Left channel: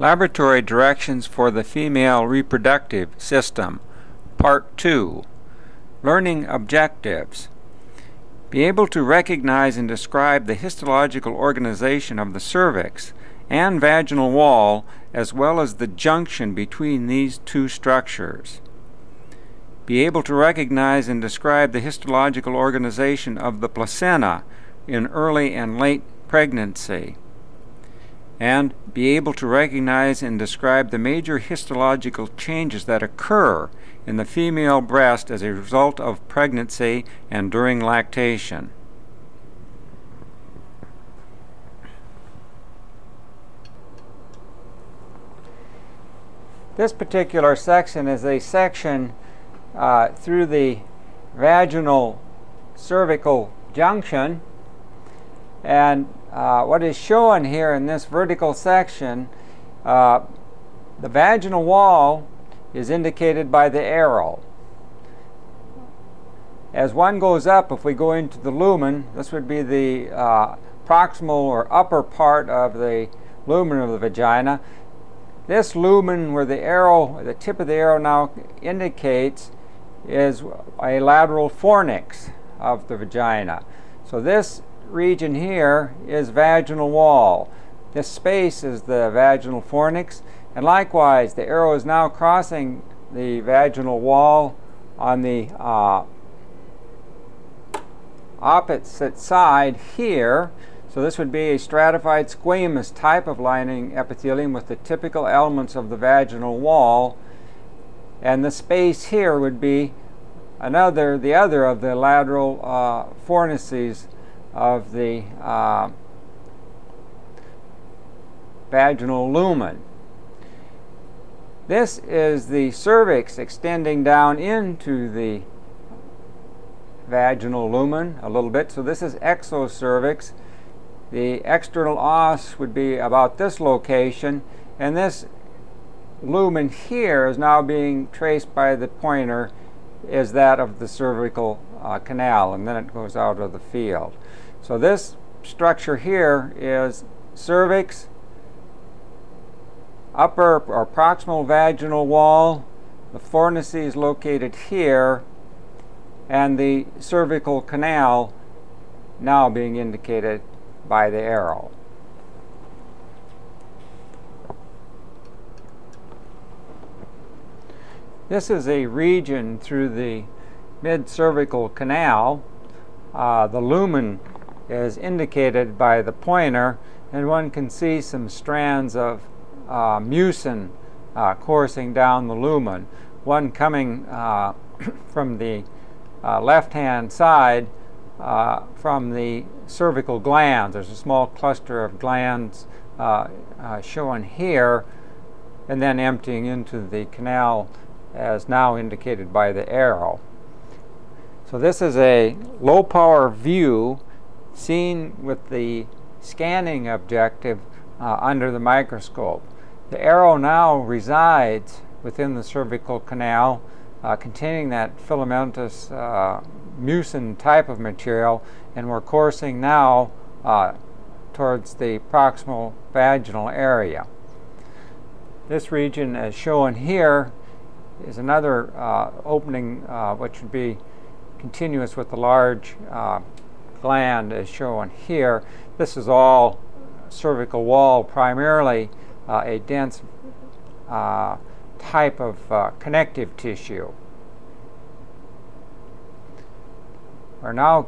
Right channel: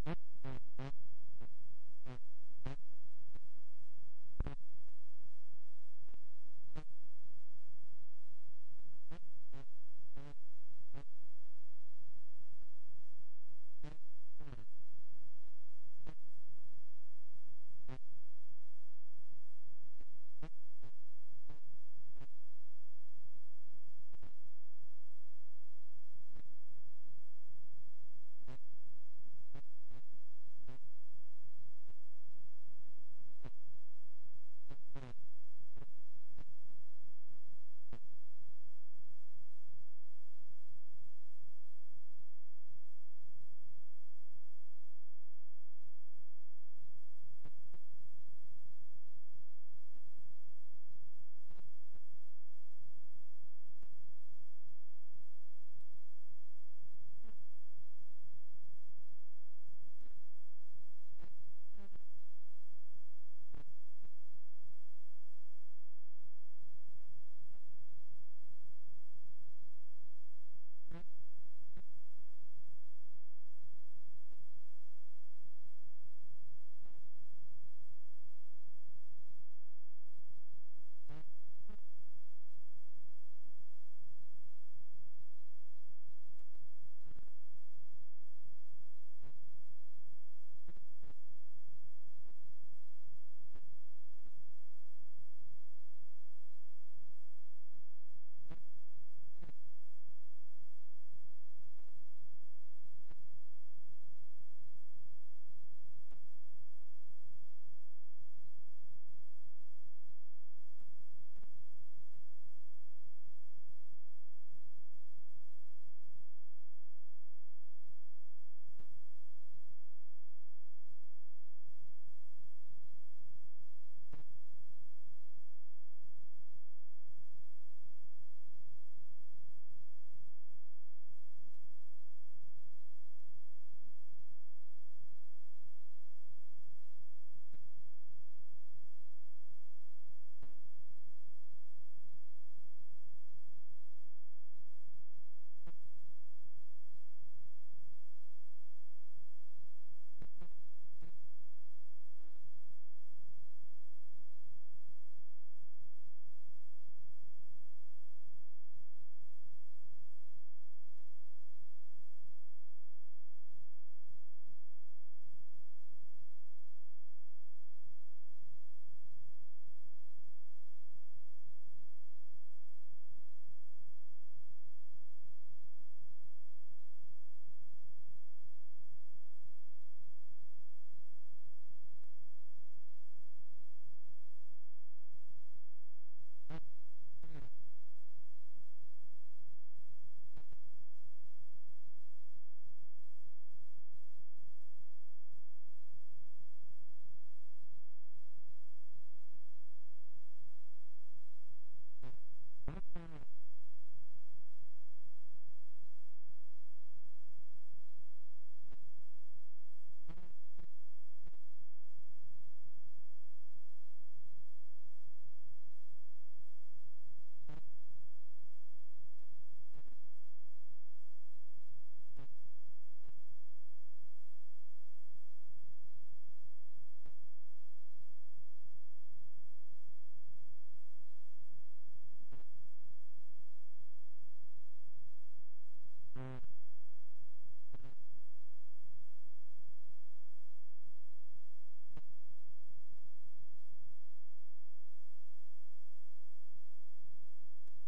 Laboratory Directions for the Female Reproductive System, Part 2. Learning Objectives. Be able to recognize and describe the histological organization of the cervix and vaginal wall, as well as the junction between these two structures. Be able to recognize and describe the histological organization of the placenta in early and late pregnancy. And be able to recognize and describe the major histological changes that occur in the female breast as a result of pregnancy and during lactation. This particular section is a section through the Vaginal-Cervical Junction, and what is shown here in this vertical section, the vaginal wall is indicated by the arrow. As one goes up, if we go into the lumen, this would be the proximal or upper part of the lumen of the vagina. This lumen where the arrow, the tip of the arrow now indicates, is a lateral fornix of the vagina. So this region here is vaginal wall. This space is the vaginal fornix, and likewise the arrow is now crossing the vaginal wall on the opposite side here. So this would be a stratified squamous type of lining epithelium with the typical elements of the vaginal wall, and the space here would be the other of the lateral fornices of the vaginal lumen. This is the cervix extending down into the vaginal lumen a little bit. So this is exocervix. The external os would be about this location, and this lumen here is now being traced by the pointer as that of the cervical canal, and then it goes out of the field. So this structure here is cervix, upper or proximal vaginal wall, the fornices located here, and the cervical canal now being indicated by the arrow. This is a region through the mid-cervical canal. The lumen is indicated by the pointer, and one can see some strands of mucin coursing down the lumen. One coming from the left-hand side from the cervical glands. There's a small cluster of glands shown here, and then emptying into the canal as now indicated by the arrow. So this is a low-power view seen with the scanning objective under the microscope. The arrow now resides within the cervical canal, containing that filamentous mucin type of material, and we're coursing now towards the proximal vaginal area. This region, as shown here, is another opening which would be continuous with the large gland as shown here. This is all cervical wall, primarily a dense type of connective tissue. We're now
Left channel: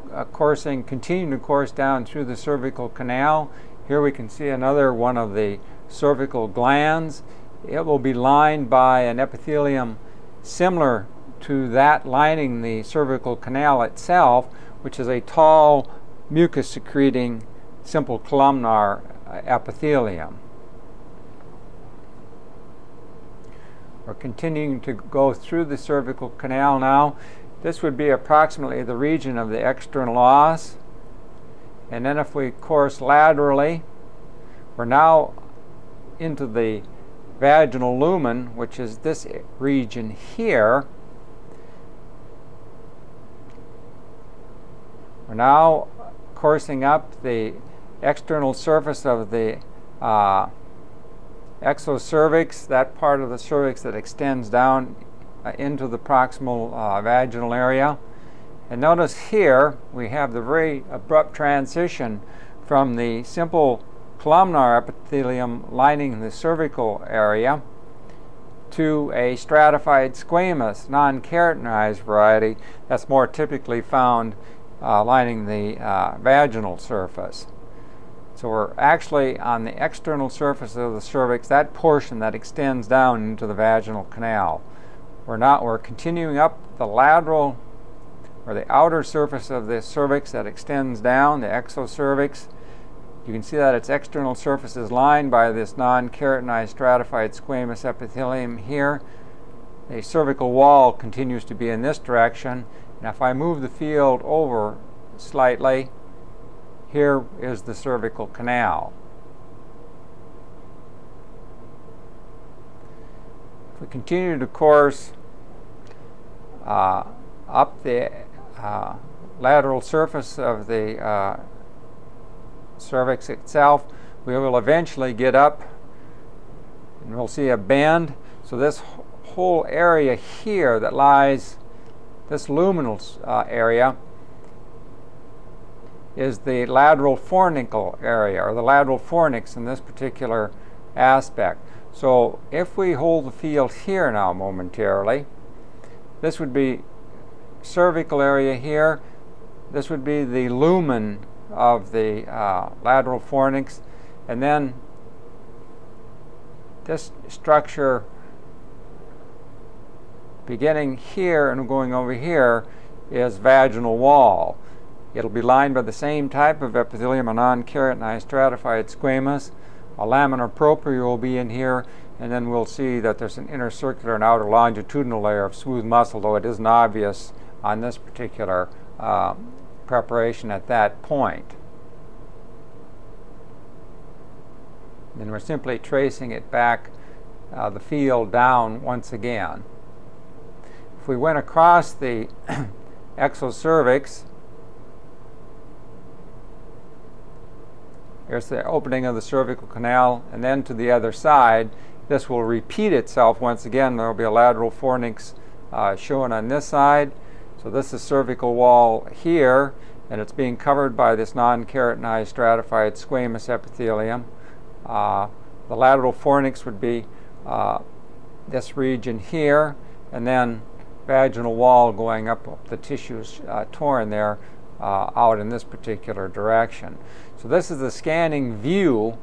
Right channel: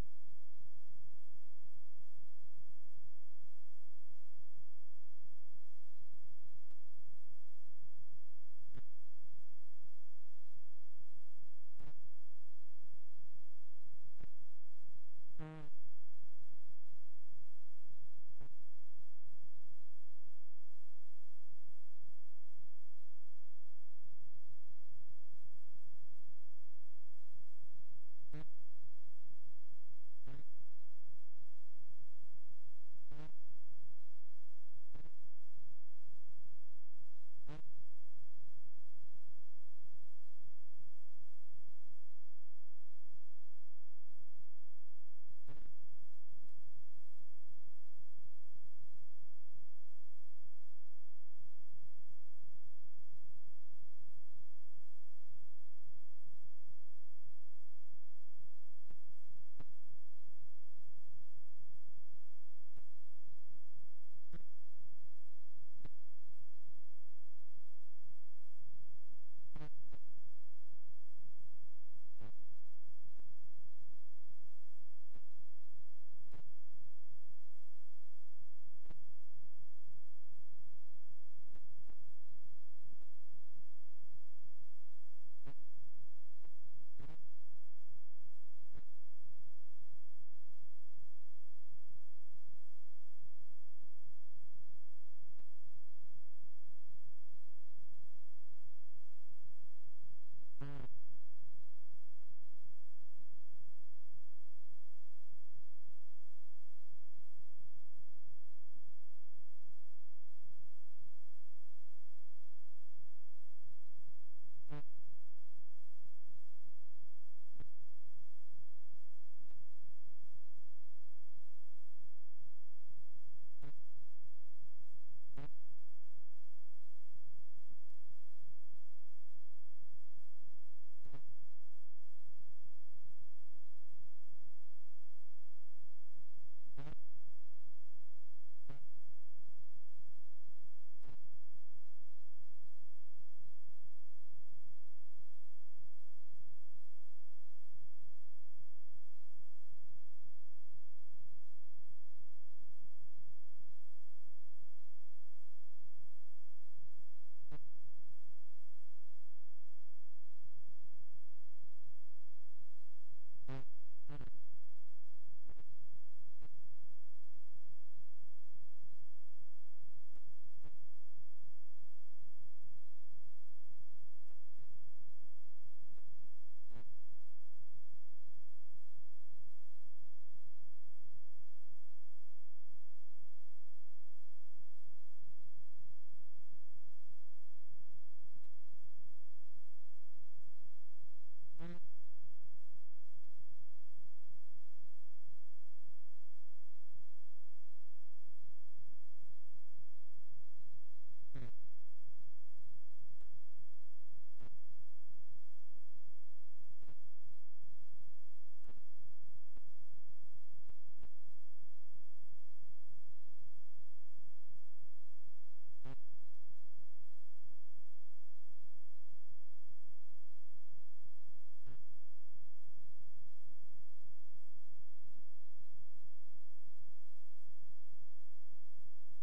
continuing to course down through the cervical canal. Here we can see another one of the cervical glands. It will be lined by an epithelium similar to that lining the cervical canal itself, which is a tall mucus-secreting simple columnar epithelium. We're continuing to go through the cervical canal now. This would be approximately the region of the external os. And then if we course laterally, we're now into the vaginal lumen, which is this region here. We're now coursing up the external surface of the exocervix, that part of the cervix that extends down into the proximal vaginal area. And notice here we have the very abrupt transition from the simple columnar epithelium lining the cervical area to a stratified squamous, non-keratinized variety that's more typically found lining the vaginal surface. So we're actually on the external surface of the cervix, that portion that extends down into the vaginal canal. We're continuing up the lateral or the outer surface of the cervix that extends down, the exocervix. You can see that its external surface is lined by this non-keratinized stratified squamous epithelium here. The cervical wall continues to be in this direction. And if I move the field over slightly, here is the cervical canal. If we continue to course up the lateral surface of the cervix itself, we will eventually get up and we'll see a bend. So this whole area here that lies, this luminal area, is the lateral fornicle area, or the lateral fornix in this particular aspect. So if we hold the field here now momentarily, this would be cervical area here. This would be the lumen of the lateral fornix, and then this structure beginning here and going over here is vaginal wall. It'll be lined by the same type of epithelium, a non-keratinized stratified squamous. A laminar propria will be in here, and then we'll see that there's an inner circular and outer longitudinal layer of smooth muscle, though it isn't obvious on this particular preparation at that point. Then we're simply tracing it back the field down once again. If we went across the exocervix, here's the opening of the cervical canal, and then to the other side, this will repeat itself once again. There will be a lateral fornix shown on this side. So this is cervical wall here, and it's being covered by this non-keratinized stratified squamous epithelium. The lateral fornix would be this region here, and then vaginal wall going up the tissues torn there out in this particular direction. So this is the scanning view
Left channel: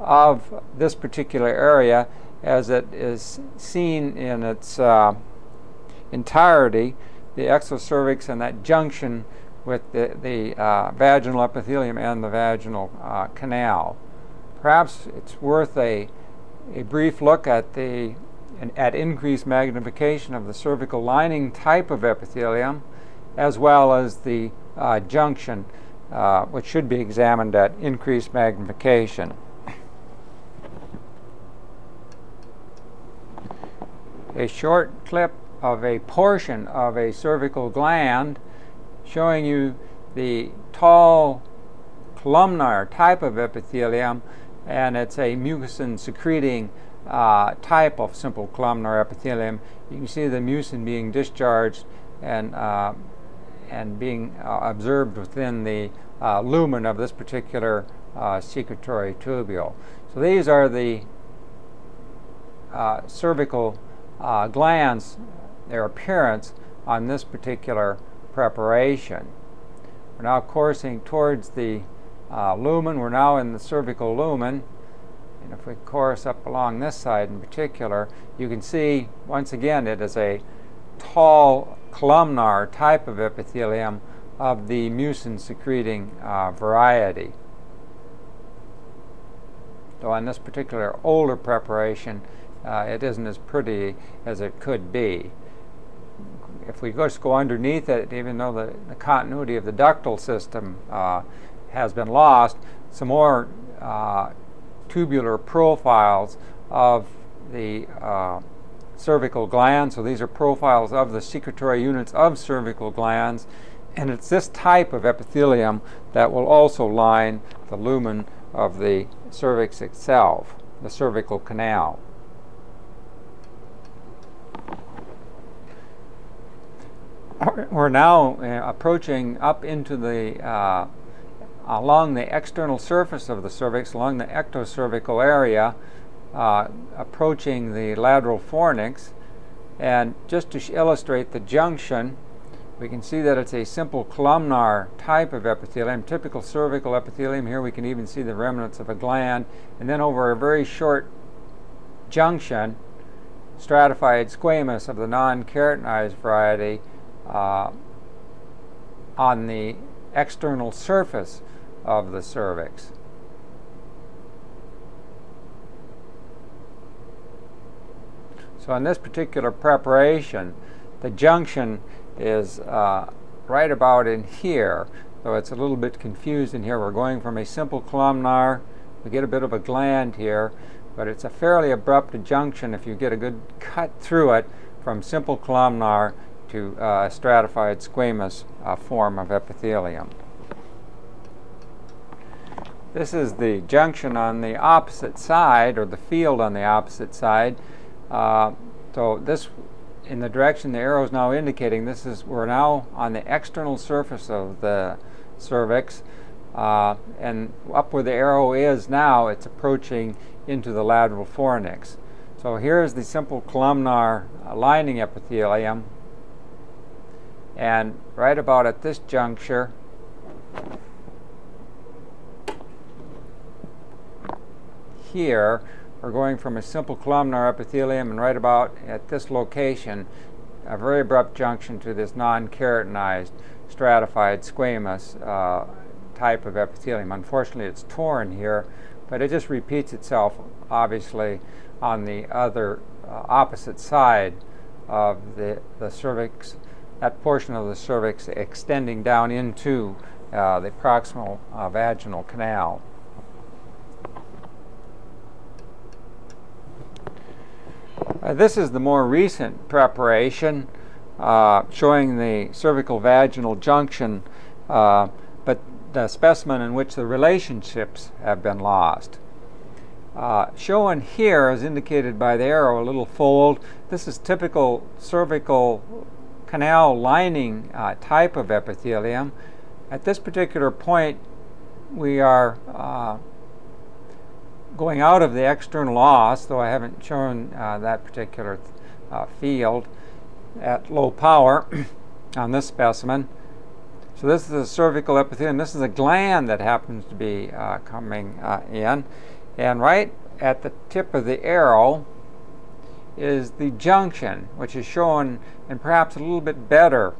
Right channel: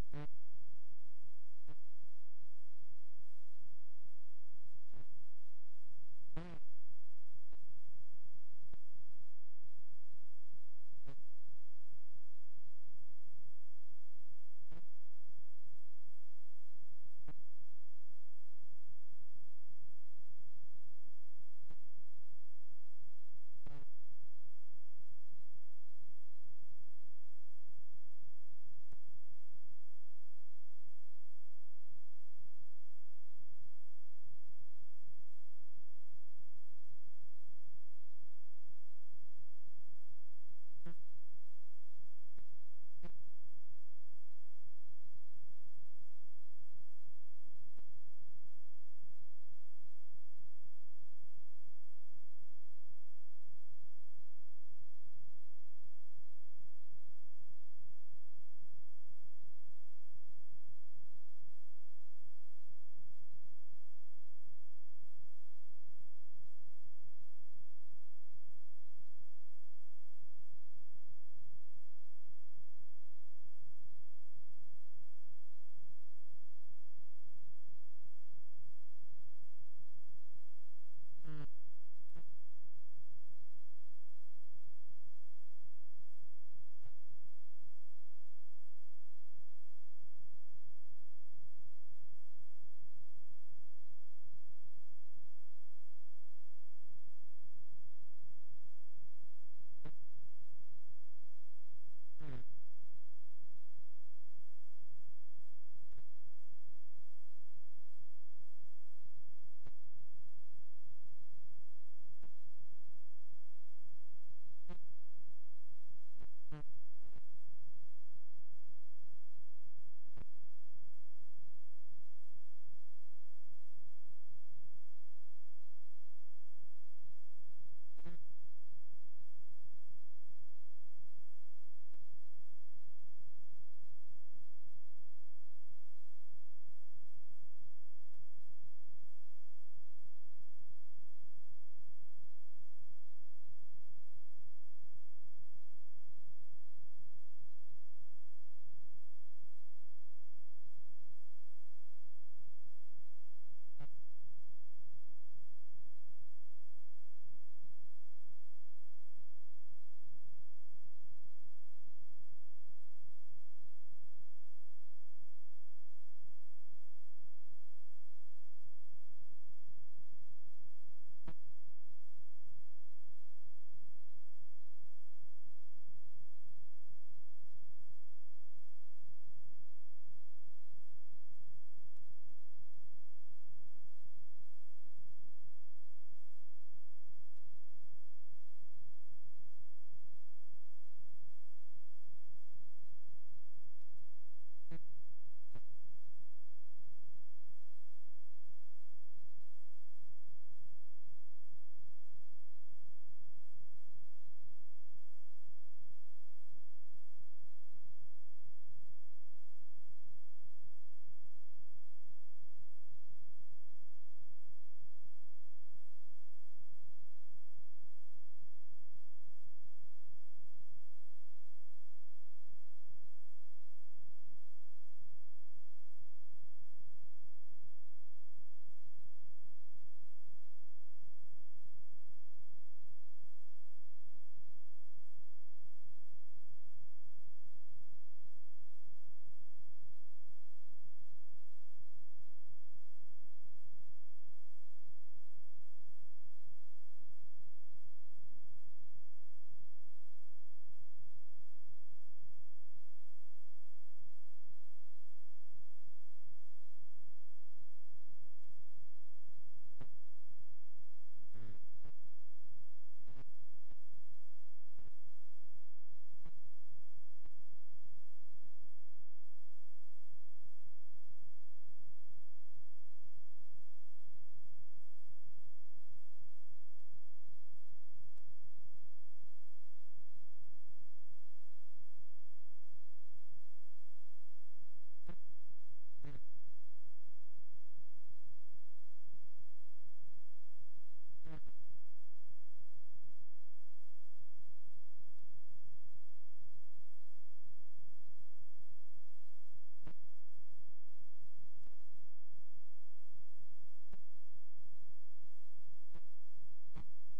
of this particular area as it is seen in its entirety, the exocervix and that junction with the vaginal epithelium and the vaginal canal. Perhaps it's worth a brief look at increased magnification of the cervical lining type of epithelium, as well as the junction, which should be examined at increased magnification. A short clip of a portion of a cervical gland showing you the tall columnar type of epithelium, and it's a mucin secreting type of simple columnar epithelium. You can see the mucin being discharged and being observed within the lumen of this particular secretory tubule. So these are the cervical glands, their appearance on this particular preparation. We're now coursing towards the lumen. We're now in the cervical lumen. And if we course up along this side in particular, you can see, once again, it is a tall columnar type of epithelium of the mucin-secreting variety. Though on this particular older preparation, it isn't as pretty as it could be. If we just go underneath it, even though the continuity of the ductal system has been lost, some more tubular profiles of the cervical glands. So these are profiles of the secretory units of cervical glands, and it's this type of epithelium that will also line the lumen of the cervix itself. the cervical canal. We're now approaching up into the along the external surface of the cervix, along the ectocervical area, approaching the lateral fornix. And just to illustrate the junction, we can see that it's a simple columnar type of epithelium, typical cervical epithelium. Here we can even see the remnants of a gland. And then over a very short junction, stratified squamous of the non-keratinized variety on the external surface of the cervix. So in this particular preparation, the junction is right about in here, though it's a little bit confused in here. We're going from a simple columnar, we get a bit of a gland here, but it's a fairly abrupt junction if you get a good cut through it from simple columnar to stratified squamous form of epithelium. This is the junction on the opposite side, or the field on the opposite side. So this, in the direction the arrow is now indicating, we're now on the external surface of the cervix, and up where the arrow is now, it's approaching into the lateral fornix. So here's the simple columnar lining epithelium, and right about at this juncture, here, we're going from a simple columnar epithelium, and right about at this location, a very abrupt junction to this non-keratinized stratified squamous type of epithelium. Unfortunately, it's torn here, but it just repeats itself, obviously, on the other opposite side of the cervix, that portion of the cervix extending down into the proximal vaginal canal. This is the more recent preparation showing the cervical vaginal junction, but the specimen in which the relationships have been lost. Shown here, as indicated by the arrow, a little fold. This is typical cervical canal lining type of epithelium. At this particular point, we are going out of the external os, though I haven't shown that particular field at low power on this specimen. So this is the cervical epithelium. This is a gland that happens to be coming in. And right at the tip of the arrow is the junction, which is shown, and perhaps a little bit better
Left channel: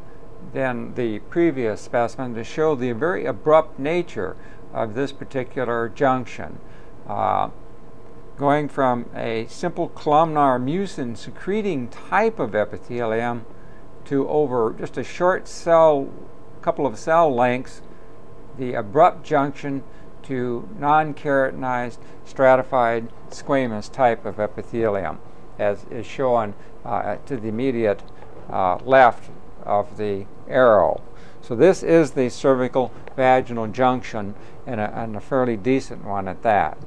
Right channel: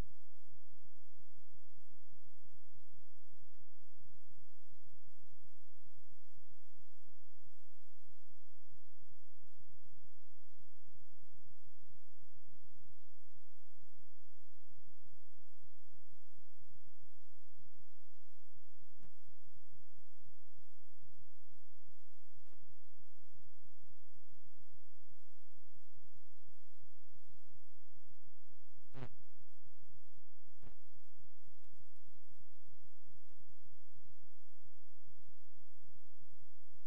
than the previous specimen, to show the very abrupt nature of this particular junction. Going from a simple columnar mucin secreting type of epithelium to, over just a short couple of cell lengths, the abrupt junction to non-keratinized stratified squamous type of epithelium, as is shown to the immediate left of the arrow. So this is the cervical vaginal junction, and a fairly decent one at that.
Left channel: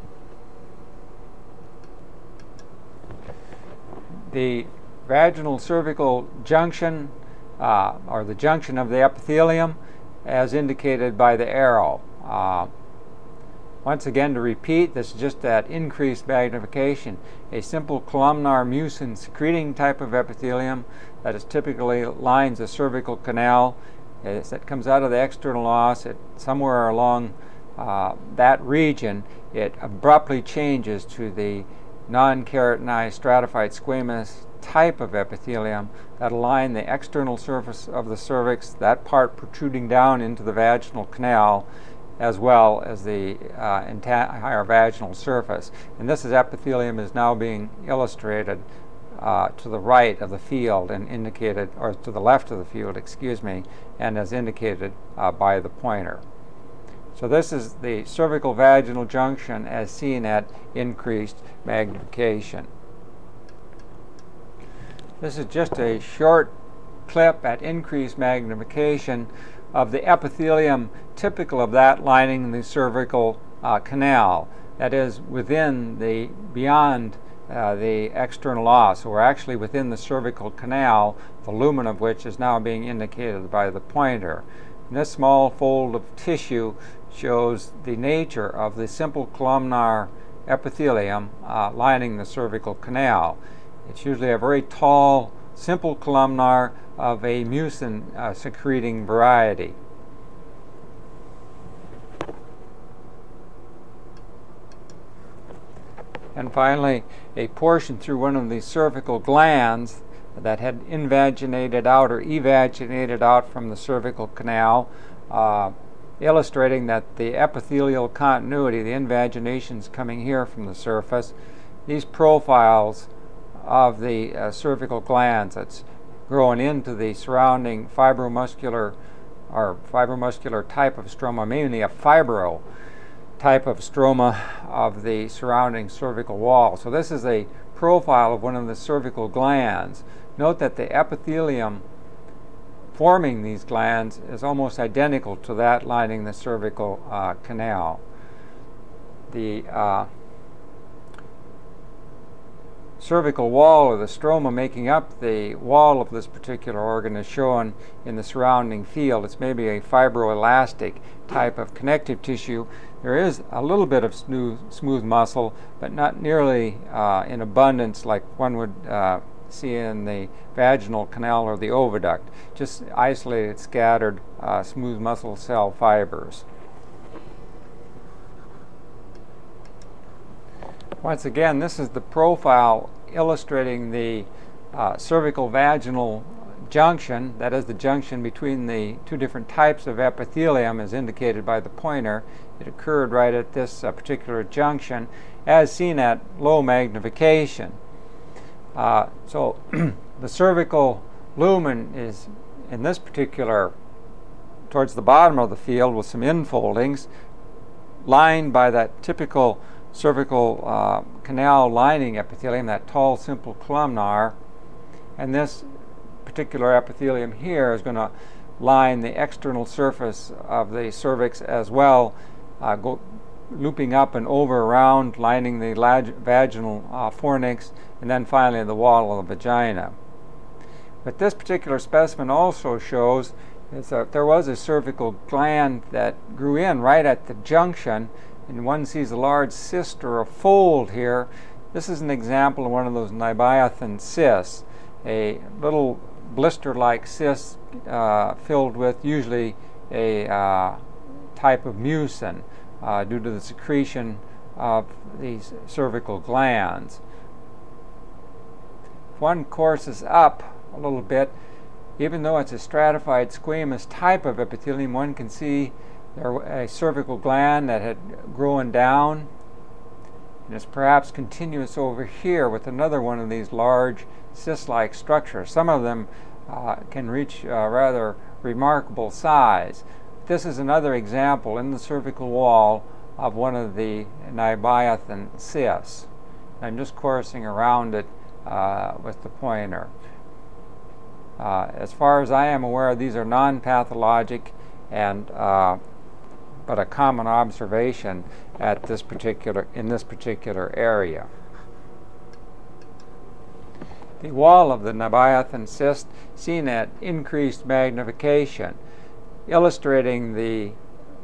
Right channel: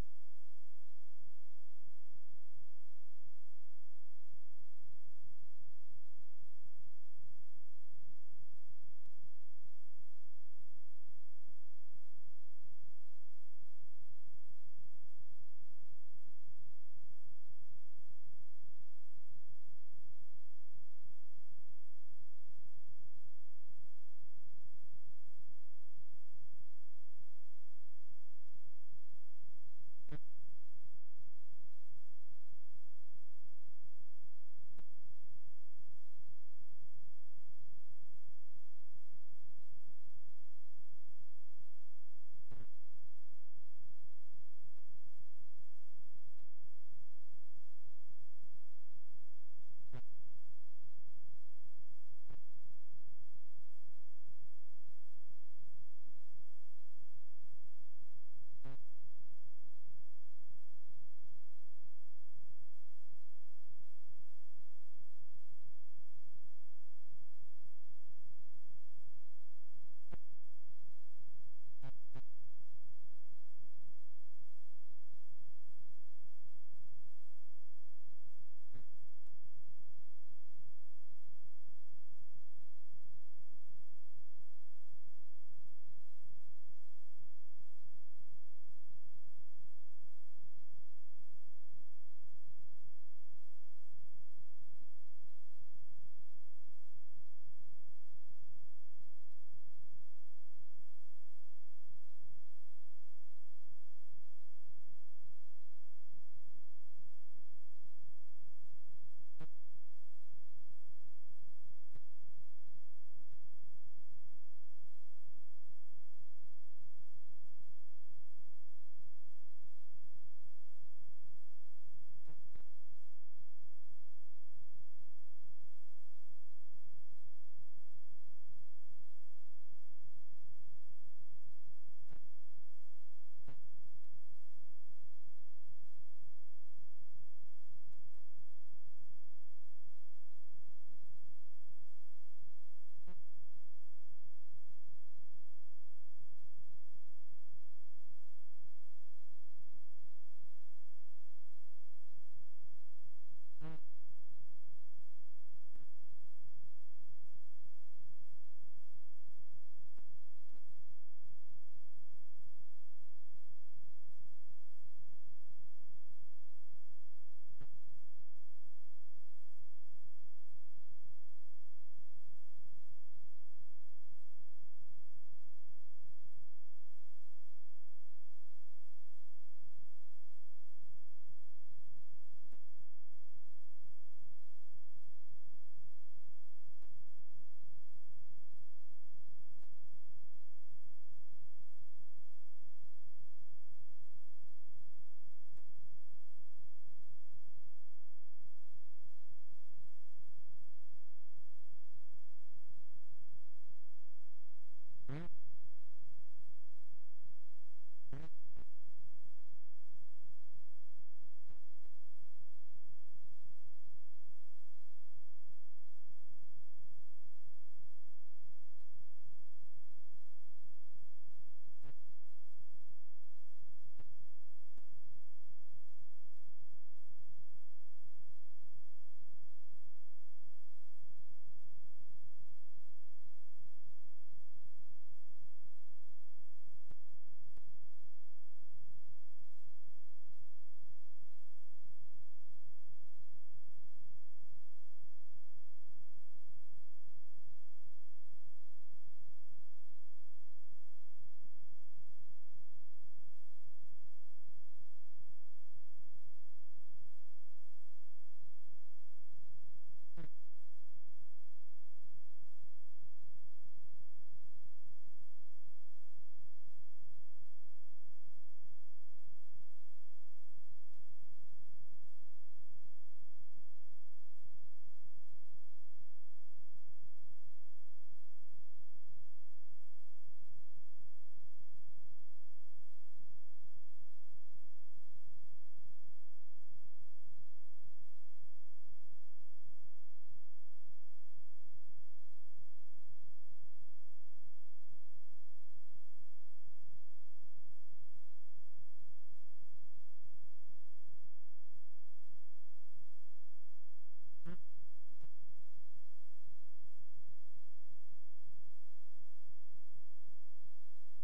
The vaginal cervical junction, or the junction of the epithelium, as indicated by the arrow. Once again, to repeat, this is just that increased magnification. A simple columnar mucin secreting type of epithelium that is typically lines the cervical canal. As it comes out of the external os, somewhere along that region, it abruptly changes to the non-keratinized stratified squamous type of epithelium that align the external surface of the cervix, that part protruding down into the vaginal canal, as well as the entire vaginal surface. And this epithelium is now being illustrated to the right of the field and indicated, or to the left of the field, excuse me, and as indicated by the pointer. So this is the cervical vaginal junction as seen at increased magnification. This is just a short clip at increased magnification of the epithelium typical of that lining the cervical canal. that is within the, beyond the external os. So we're actually within the cervical canal, the lumen of which is now being indicated by the pointer. And this small fold of tissue shows the nature of the simple columnar epithelium lining the cervical canal. It's usually a very tall, simple columnar of a mucin secreting variety. And finally, a portion through one of the cervical glands that had invaginated out or evaginated out from the cervical canal, illustrating that the epithelial continuity, the invaginations coming here from the surface, these profiles of the cervical glands that's growing into the surrounding fibromuscular type of stroma, mainly a fibro type of stroma of the surrounding cervical wall. So this is a profile of one of the cervical glands. Note that the epithelium forming these glands is almost identical to that lining the cervical canal. The cervical wall, or the stroma making up the wall of this particular organ, is shown in the surrounding field. It's maybe a fibroelastic type of connective tissue. There is a little bit of smooth muscle, but not nearly in abundance like one would see in the vaginal canal or the oviduct. Just isolated, scattered, smooth muscle cell fibers. Once again, this is the profile illustrating the cervical vaginal junction, that is the junction between the two different types of epithelium as indicated by the pointer. It occurred right at this particular junction as seen at low magnification. So the cervical lumen is in this particular, towards the bottom of the field with some infoldings, lined by that typical cervical canal lining epithelium, that tall simple columnar, and this particular epithelium here is going to line the external surface of the cervix as well, looping up and over around, lining the vaginal fornix, and then finally the wall of the vagina. But this particular specimen also shows is that there was a cervical gland that grew in right at the junction, and one sees a large cyst or a fold here. This is an example of one of those Nabothian cysts, a little blister-like cyst filled with usually a type of mucin due to the secretion of these cervical glands. If one courses up a little bit, even though it's a stratified squamous type of epithelium, one can see a cervical gland that had grown down, and it's perhaps continuous over here with another one of these large cyst-like structures. Some of them can reach rather remarkable size. This is another example in the cervical wall of one of the Nabothian cysts. I'm just coursing around it with the pointer. As far as I am aware, these are non-pathologic and but a common observation at this in this particular area. The wall of the Nabothian cyst seen at increased magnification, illustrating the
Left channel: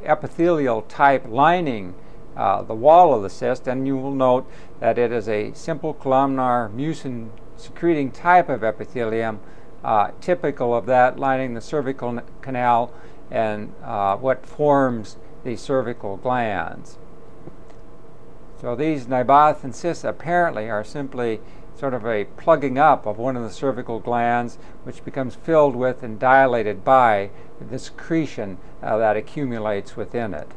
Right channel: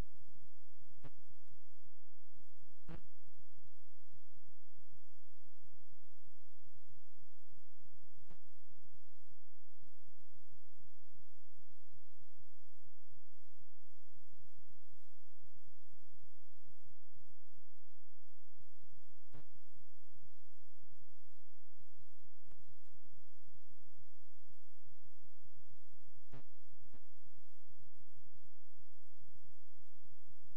epithelial type lining the wall of the cyst, and you will note that it is a simple columnar mucin secreting type of epithelium, typical of that lining the cervical canal and what forms the cervical glands. So these Nabothian cysts apparently are simply sort of a plugging up of one of the cervical glands, which becomes filled with and dilated by the secretion that accumulates within it.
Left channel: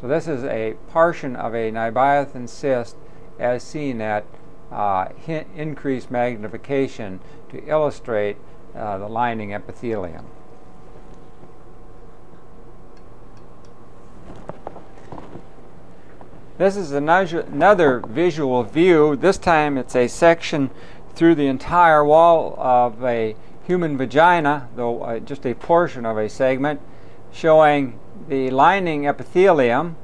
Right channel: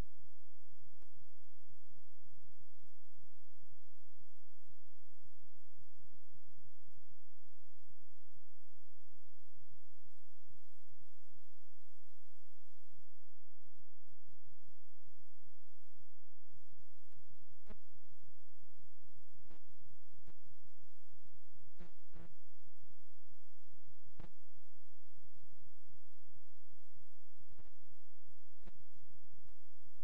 So this is a portion of a Nabothian cyst as seen at increased magnification to illustrate the lining epithelium. This is another visual view. This time it's a section through the entire wall of a human vagina, though just a portion of a segment, showing the lining epithelium,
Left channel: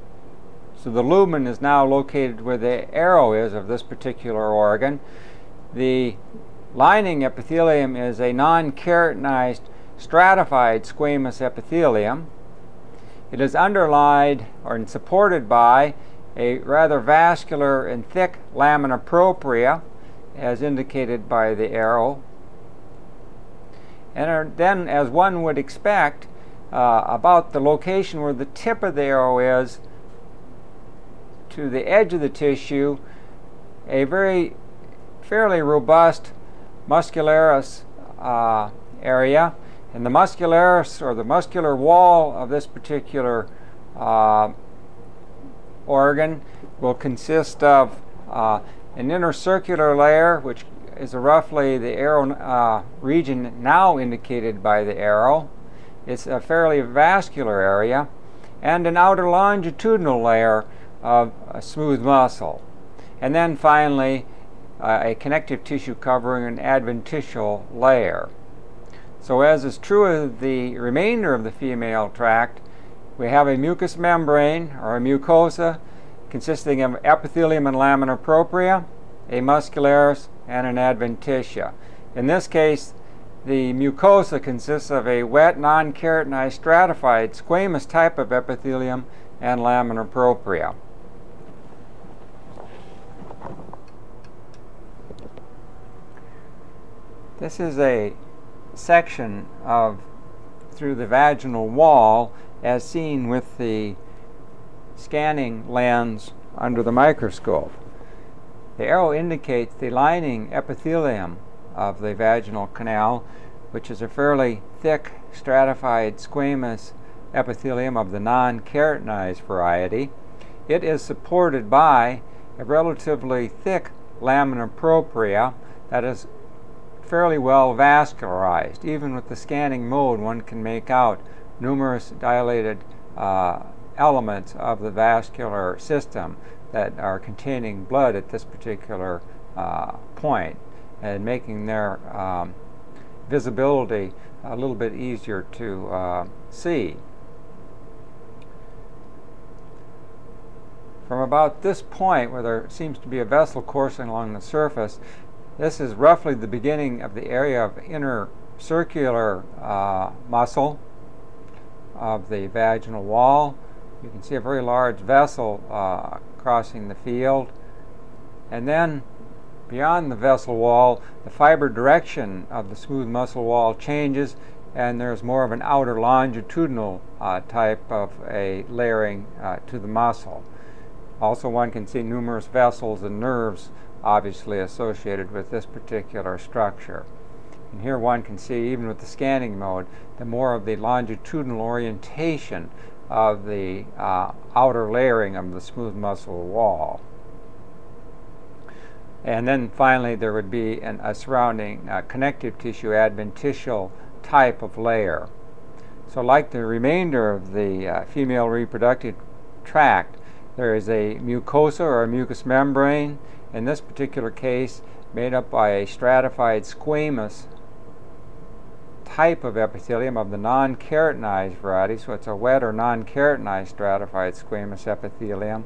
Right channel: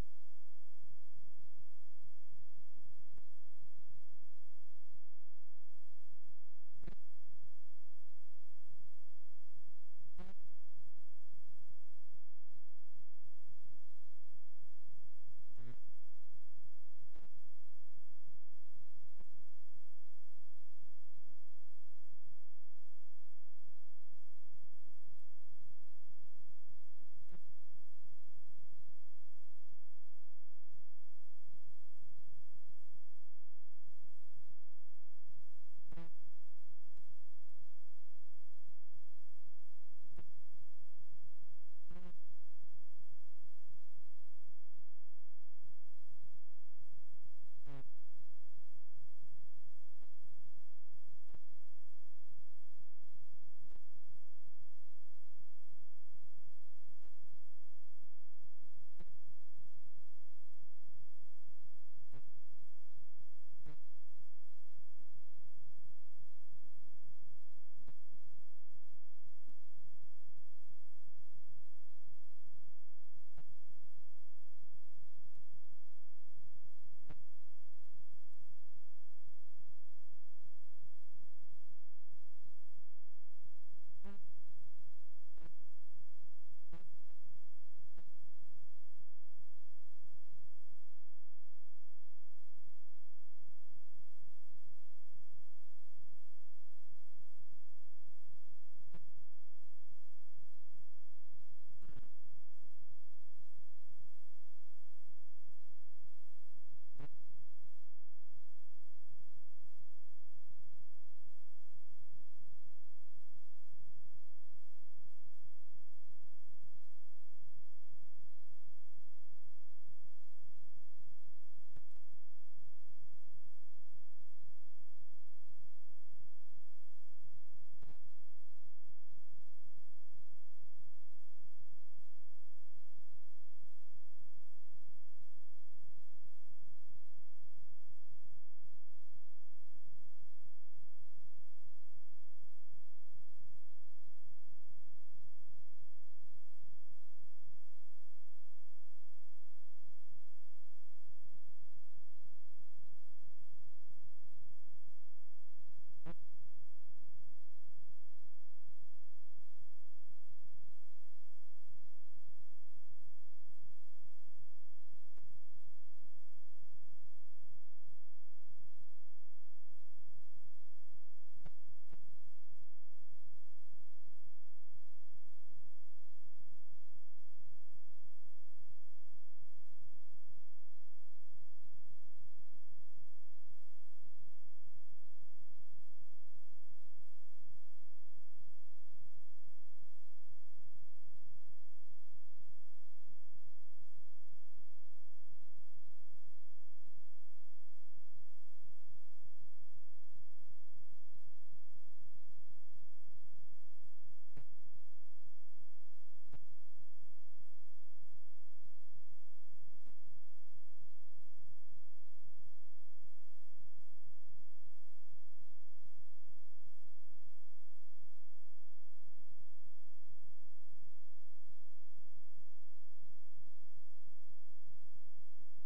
so the lumen is now located where the arrow is of this particular organ. The lining epithelium is a non-keratinized stratified squamous epithelium. It is underlined or supported by a rather vascular and thick lamina propria, as indicated by the arrow. And then, as one would expect, about the location where the tip of the arrow is to the edge of the tissue, a fairly robust muscularis area. And the muscularis, or the muscular wall of this particular organ, will consist of an intercircular layer, which is roughly the arrow region now indicated by the arrow. It's a fairly vascular area, and an outer longitudinal layer of a smooth muscle. And then finally, a connective tissue covering an adventitial layer. So as is true of the remainder of the female tract, we have a mucous membrane, or a mucosa, consisting of epithelium and lamina propria, a muscularis, and an adventitia. In this case, the mucosa consists of a wet, non-keratinized, stratified, squamous type of epithelium and lamina propria. This is a section through the vaginal wall as seen with the scanning lens under the microscope. The arrow indicates the lining epithelium of the vaginal canal, which is a fairly thick, stratified, squamous epithelium of the non-keratinized variety. It is supported by a relatively thick lamina propria that is fairly well vascularized. Even with the scanning mode, one can make out numerous dilated elements of the vascular system that are containing blood at this particular point, and making their visibility a little bit easier to see. From about this point, where there seems to be a vessel coursing along the surface, this is roughly the beginning of the area of inner circular muscle of the vaginal wall. You can see a very large vessel crossing the field. And then beyond the vessel wall, the fiber direction of the smooth muscle wall changes, and there's more of an outer longitudinal type of a layering to the muscle. Also, one can see numerous vessels and nerves obviously associated with this particular structure. And here one can see, even with the scanning mode, the more of the longitudinal orientation of the outer layering of the smooth muscle wall. And then finally there would be a surrounding connective tissue adventitial type of layer. So like the remainder of the female reproductive tract, there is a mucosa or a mucous membrane, in this particular case made up by a stratified squamous type of epithelium of the non-keratinized variety, so it's a wet or non-keratinized stratified squamous epithelium,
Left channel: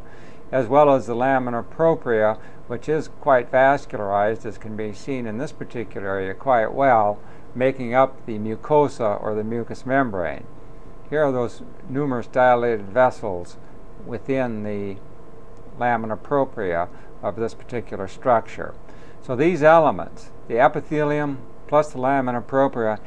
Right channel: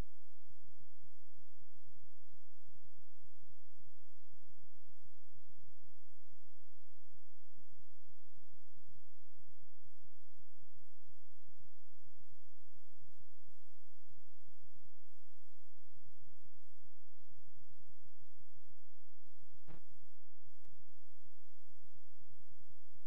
as well as the lamina propria, which is quite vascularized, as can be seen in this particular area quite well, making up the mucosa or the mucous membrane. Here are those numerous dilated vessels within the lamina propria of this particular structure. So these elements, the epithelium plus the lamina propria,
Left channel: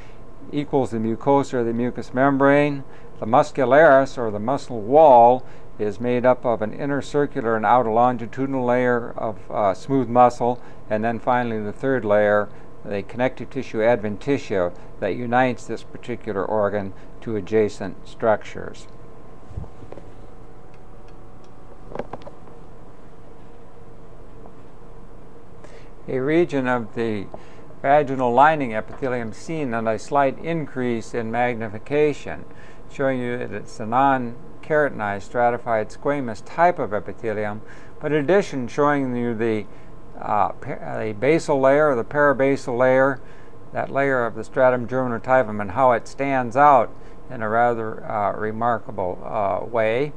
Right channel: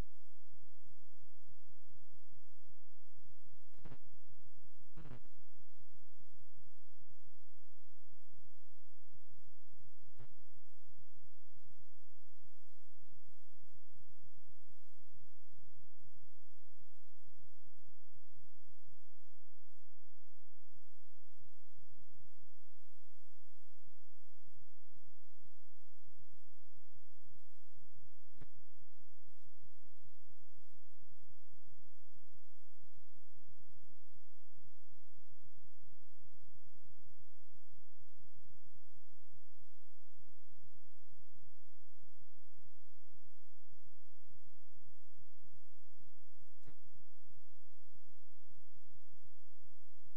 equals the mucosa or the mucous membrane. The muscularis, or the muscle wall, is made up of an inner circular and outer longitudinal layer of smooth muscle, and then finally the third layer, the connective tissue adventitia, that unites this particular organ to adjacent structures. A region of the vaginal lining epithelium seen and a slight increase in magnification, showing you that it's a non-keratinized stratified squamous type of epithelium, but in addition showing you the basal layer or the parabasal layer, that layer of the stratum germinotypum, and how it stands out in a rather remarkable way.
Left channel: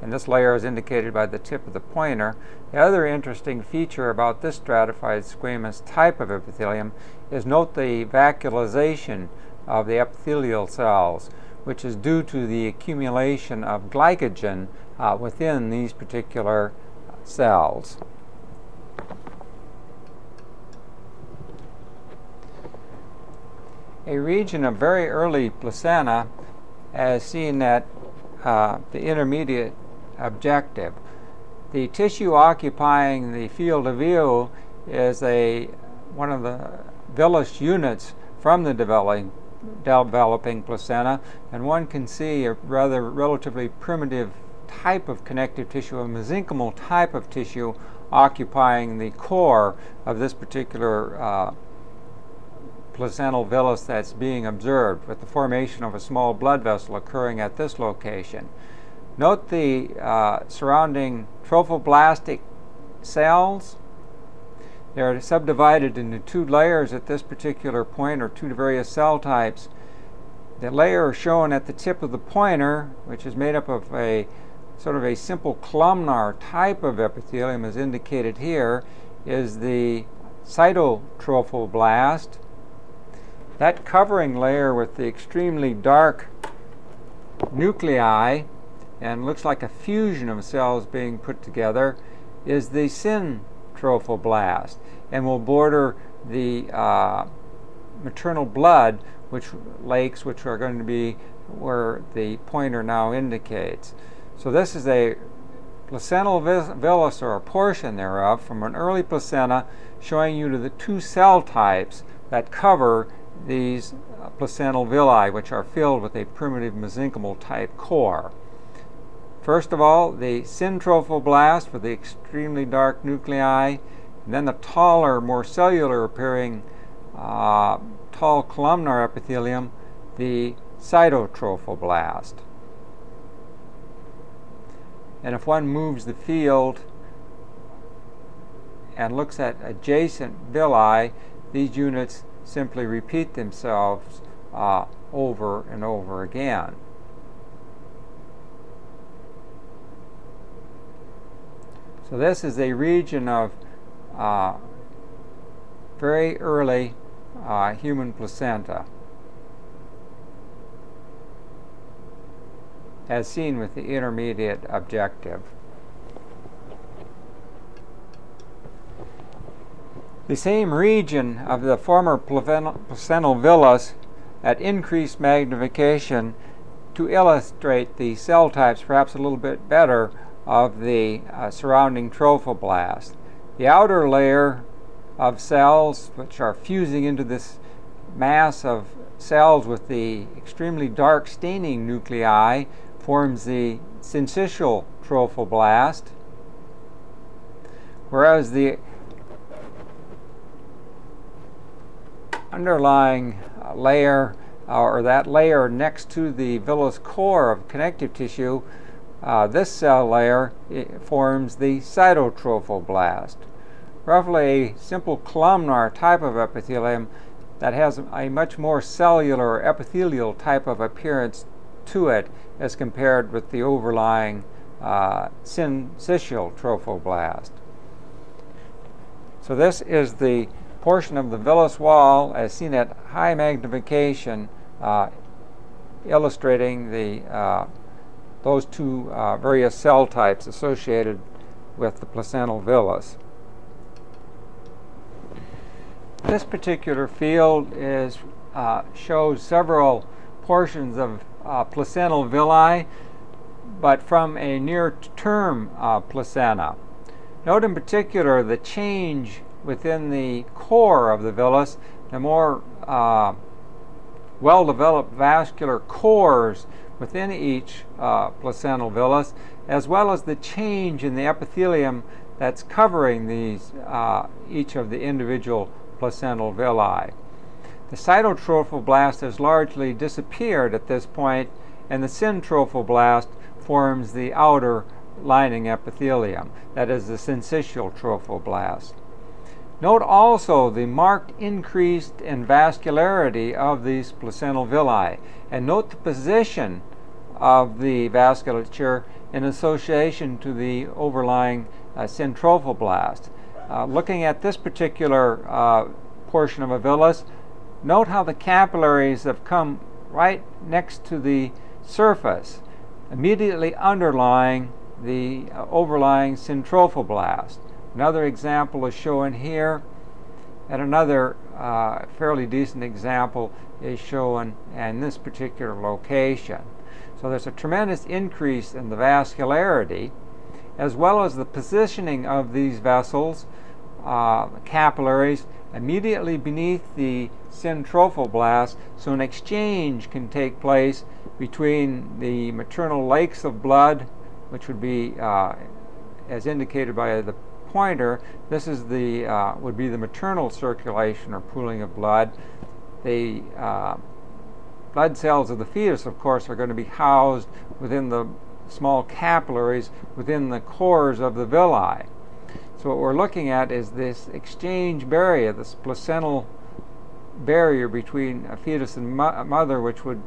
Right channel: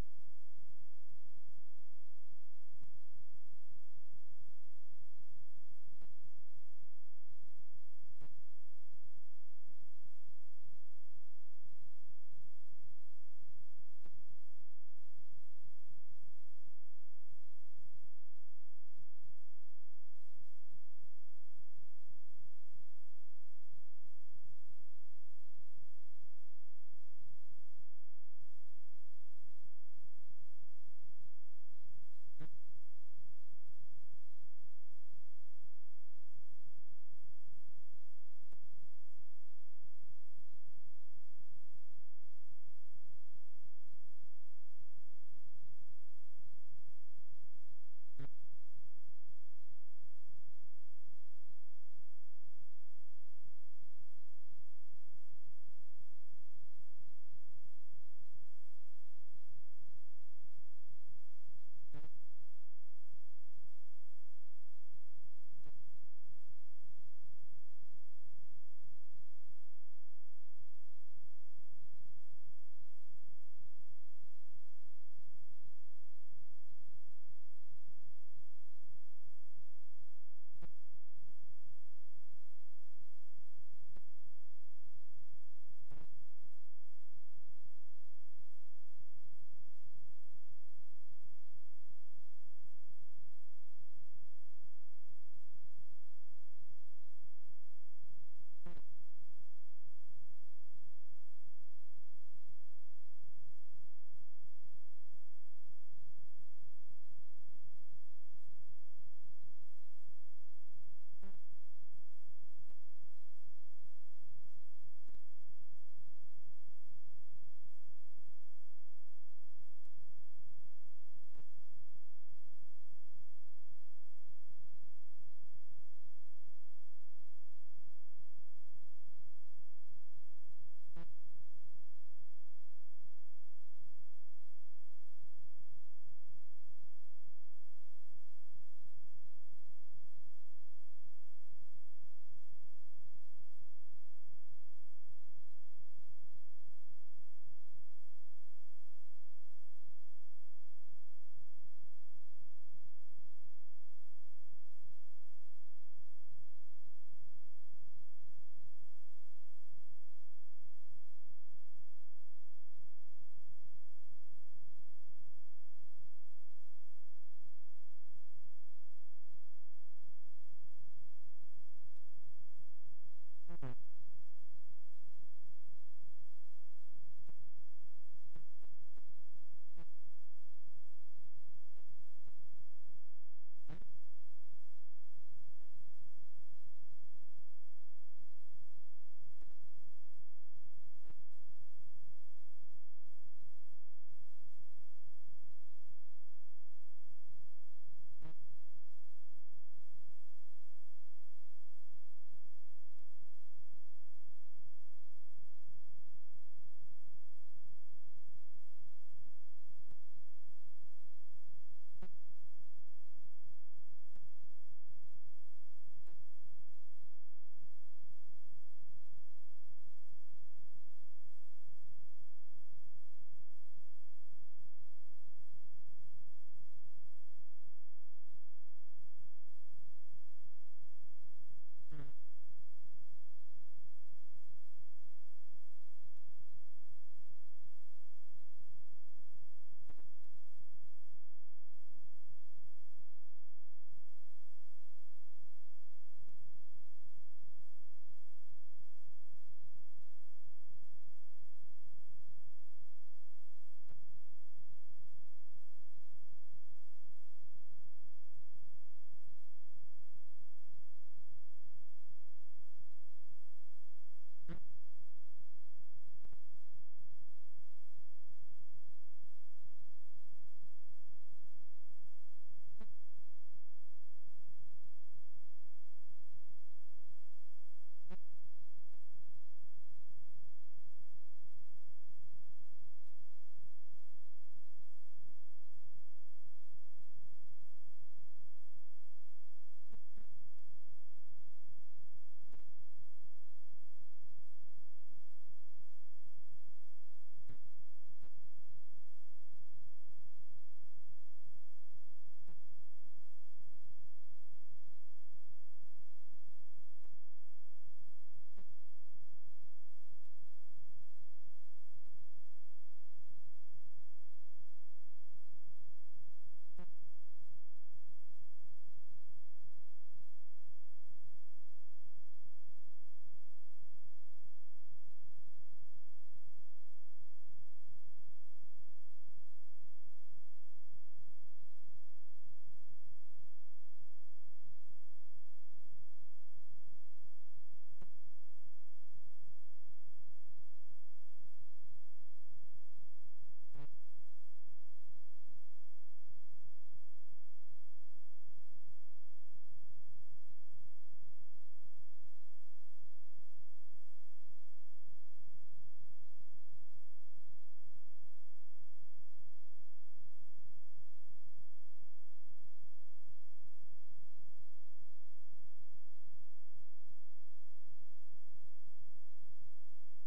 And this layer is indicated by the tip of the pointer. The other interesting feature about this stratified squamous type of epithelium is note the vacuolization of the epithelial cells, which is due to the accumulation of glycogen within these particular cells. A region of very early placenta, as seen at the intermediate objective. The tissue occupying the field of view is one of the villus units from the developing placenta, and one can see a relatively primitive type of connective tissue, a mesenchymal type of tissue occupying the core of this particular placental villus that's being observed, with the formation of a small blood vessel occurring at this location. Note the surrounding trophoblastic cells. They're subdivided into two layers at this particular point, or two various cell types. The layer shown at the tip of the pointer, which is made up of a sort of a simple columnar type of epithelium, as indicated here, is the cytotrophoblast. That covering layer with the extremely dark nuclei, and looks like a fusion of cells being put together, is the syntrophoblast, and will border the maternal blood lakes, which are going to be where the pointer now indicates. So this is a placental villus, or a portion thereof, from an early placenta, showing you to the two cell types that cover these placental villi, which are filled with a primitive mesenchymal type core. First of all, the syntrophoblast with the extremely dark nuclei, and then the taller, more cellular appearing tall columnar epithelium, the cytotrophoblast. And if one moves the field and looks at adjacent villi, these units simply repeat themselves over and over again. So this is a region of very early human placenta, as seen with the intermediate objective. The same region of the former placental villus at increased magnification to illustrate the cell types perhaps a little bit better of the surrounding trophoblast. The outer layer of cells, which are fusing into this mass of cells with the extremely dark staining nuclei, forms the syncytial trophoblast, whereas the underlying layer, or that layer next to the villus core of connective tissue, this cell layer forms the cytotrophoblast. Roughly a simple columnar type of epithelium that has a much more cellular epithelial type of appearance to it as compared with the overlying syncytial trophoblast. So this is the portion of the villus wall as seen at high magnification, illustrating those two various cell types associated with the placental villus. This particular field shows several portions of placental villi, but from a near-term placenta. Note in particular the change within the core of the villus, the more well-developed vascular cores within each placental villus, as well as the change in the epithelium that's covering these each of the individual placental villi. The cytotrophoblast has largely disappeared at this point, and the syntrophoblast forms the outer lining epithelium, that is the syncytial trophoblast. Note also the marked increase in vascularity of these placental villi, and note the position of the vasculature in association to the overlying centrophoblast. Looking at this particular portion of a villus, note how the capillaries have come right next to the surface, immediately underlying the overlying centrophoblast. Another example is shown here, and another fairly decent example is shown in this particular location. So there's a tremendous increase in the vascularity, as well as the positioning of these vessels, capillaries, immediately beneath the centrophoblast, so an exchange can take place between the maternal lakes of blood, which would be, as indicated by the pointer, this is the would be the maternal circulation or pooling of blood. The blood cells of the fetus, of course, are going to be housed within the small capillaries within the cores of the villi. So what we're looking at is this exchange barrier, this placental barrier between a fetus and mother, which would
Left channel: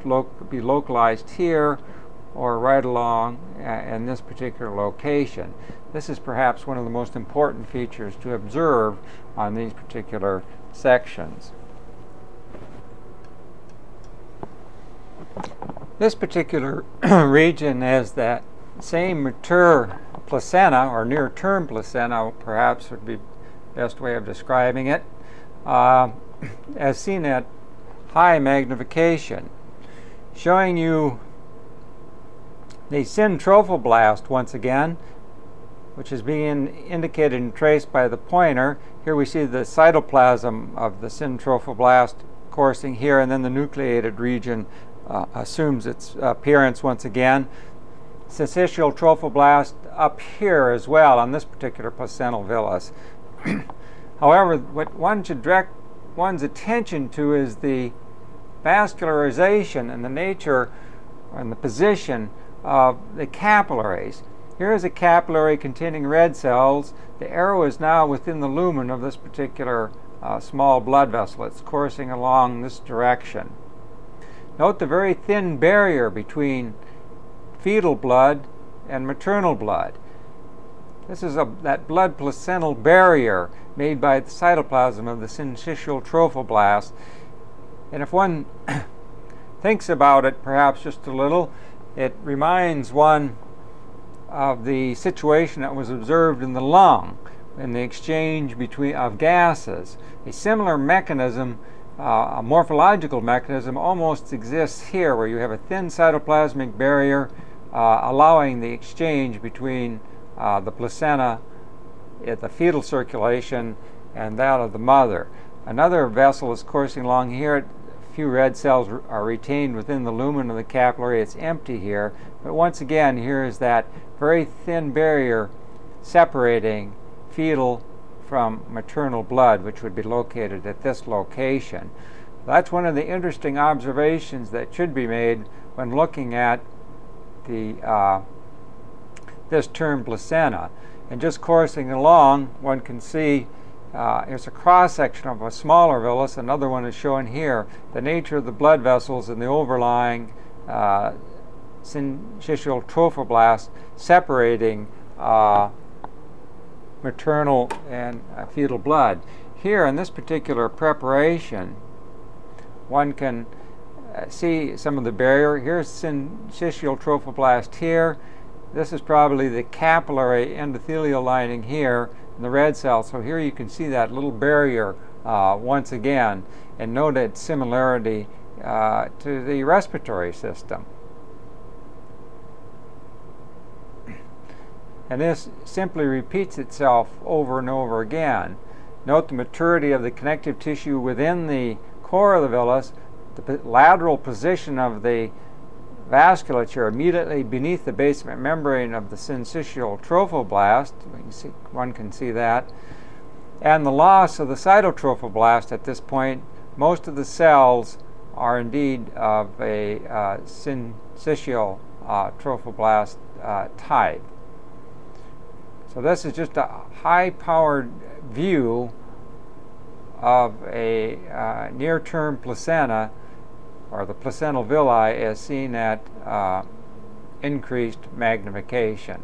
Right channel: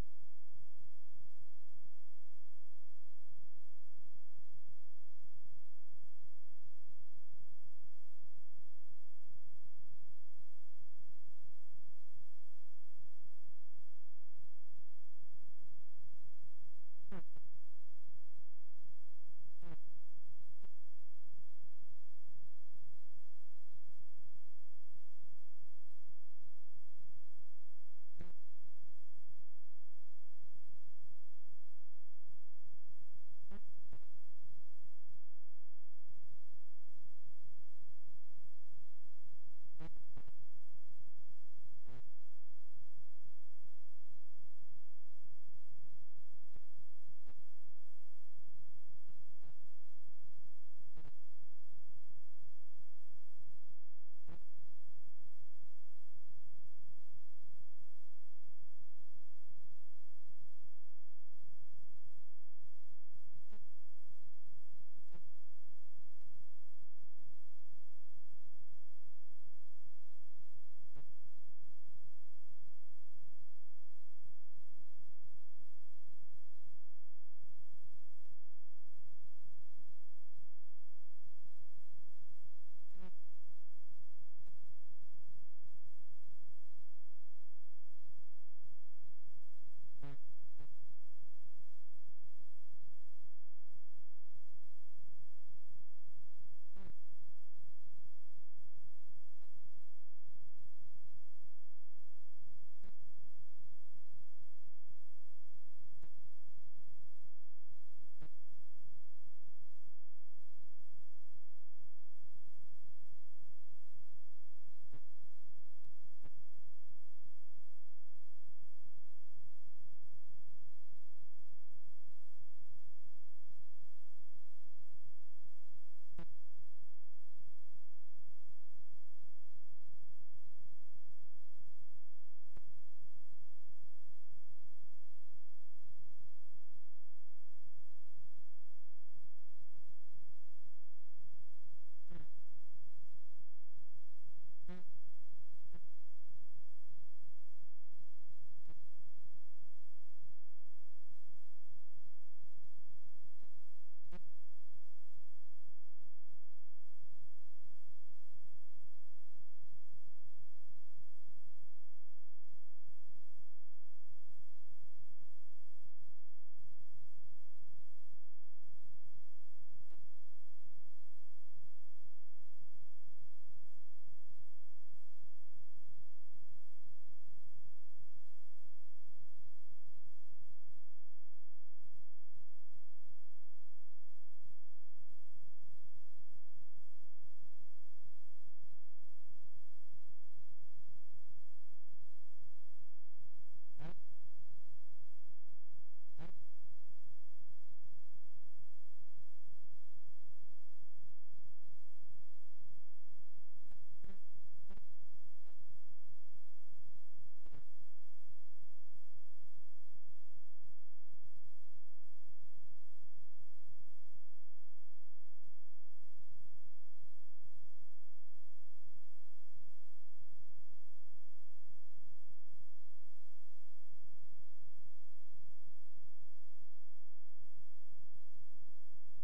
be localized here or right along in this particular location. This is perhaps one of the most important features to observe on these particular sections. This particular region has that same mature placenta, or near-term placenta, perhaps would be the best way of describing it, as seen at high magnification, showing you the centrophoblast once again, which is being indicated and traced by the pointer. Here we see the cytoplasm of the centrophoblast coursing here, and then the nucleated region assumes its appearance once again. Syncytial trophoblast up here as well on this particular placental villus. However, what one should direct one's attention to is the vascularization and the nature and the position of the capillaries. Here is a capillary containing red cells. The arrow is now within the lumen of this particular small blood vessel. It's coursing along this direction. Note the very thin barrier between fetal blood and maternal blood. This is that blood placental barrier made by the cytoplasm of the syncytial trophoblast. And if one thinks about it perhaps just a little, it reminds one of the situation that was observed in the lung in the exchange of gases. A similar mechanism, a morphological mechanism, almost exists here, where you have a thin cytoplasmic barrier allowing the exchange between the placenta at the fetal circulation and that of the mother. Another vessel is coursing along here. A few red cells are retained within the lumen of the capillary. It's empty here, but once again, here is that very thin barrier separating fetal from maternal blood, which would be located at this location. That's one of the interesting observations that should be made when looking at the this term placenta. And just coursing along, one can see here's a cross-section of a smaller villus. Another one is shown here. The nature of the blood vessels in the overlying syncytial trophoblast separating maternal and fetal blood. Here in this particular preparation, one can see some of the barrier. Here's syncytial trophoblast here. This is probably the capillary endothelial lining here in the red cell. So here you can see that little barrier once again, and note its similarity to the respiratory system. And this simply repeats itself over and over again. Note the maturity of the connective tissue within the core of the villus, the lateral position of the vasculature immediately beneath the basement membrane of the syncytial trophoblast. One can see that. And the loss of the cytotrophoblast at this point. Most of the cells are indeed of a syncytial trophoblast type. So this is just a high-powered view of a near-term placenta, or the placental villi, is seen at increased magnification.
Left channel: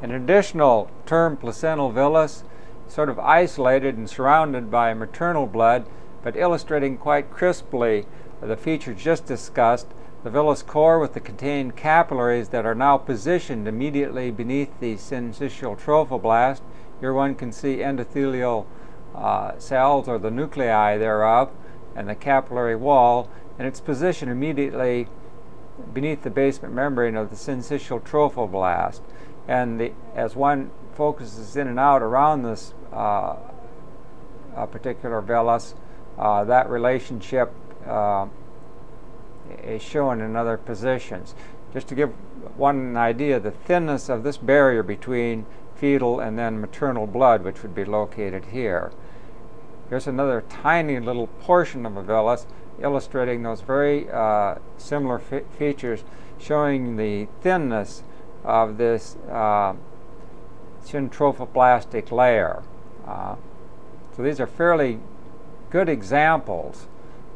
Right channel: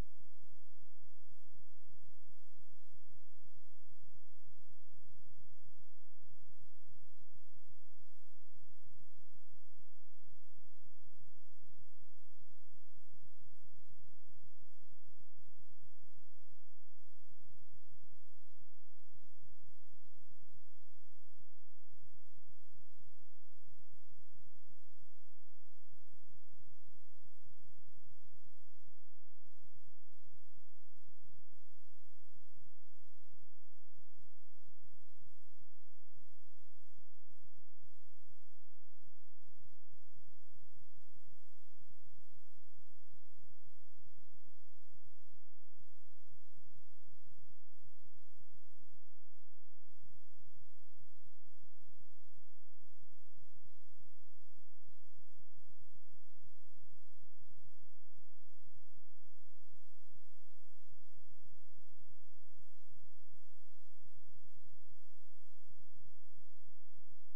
An additional term, placental villus, sort of isolated and surrounded by maternal blood, but illustrating quite crisply the features just discussed, the villus core with the contained capillaries that are now positioned immediately beneath the syncytial trophoblast. Here one can see endothelial cells, or the nuclei thereof, and the capillary wall, and its position immediately beneath the basement membrane of the syncytial trophoblast. And as one focuses in and out around this particular villus, that relationship is shown in other positions. Just to give one an idea, the thinness of this barrier between fetal and then maternal blood, which would be located here. Here's another tiny little portion of a villus illustrating those very similar features, showing the thinness of this syntrophoblastic layer. So these are fairly good examples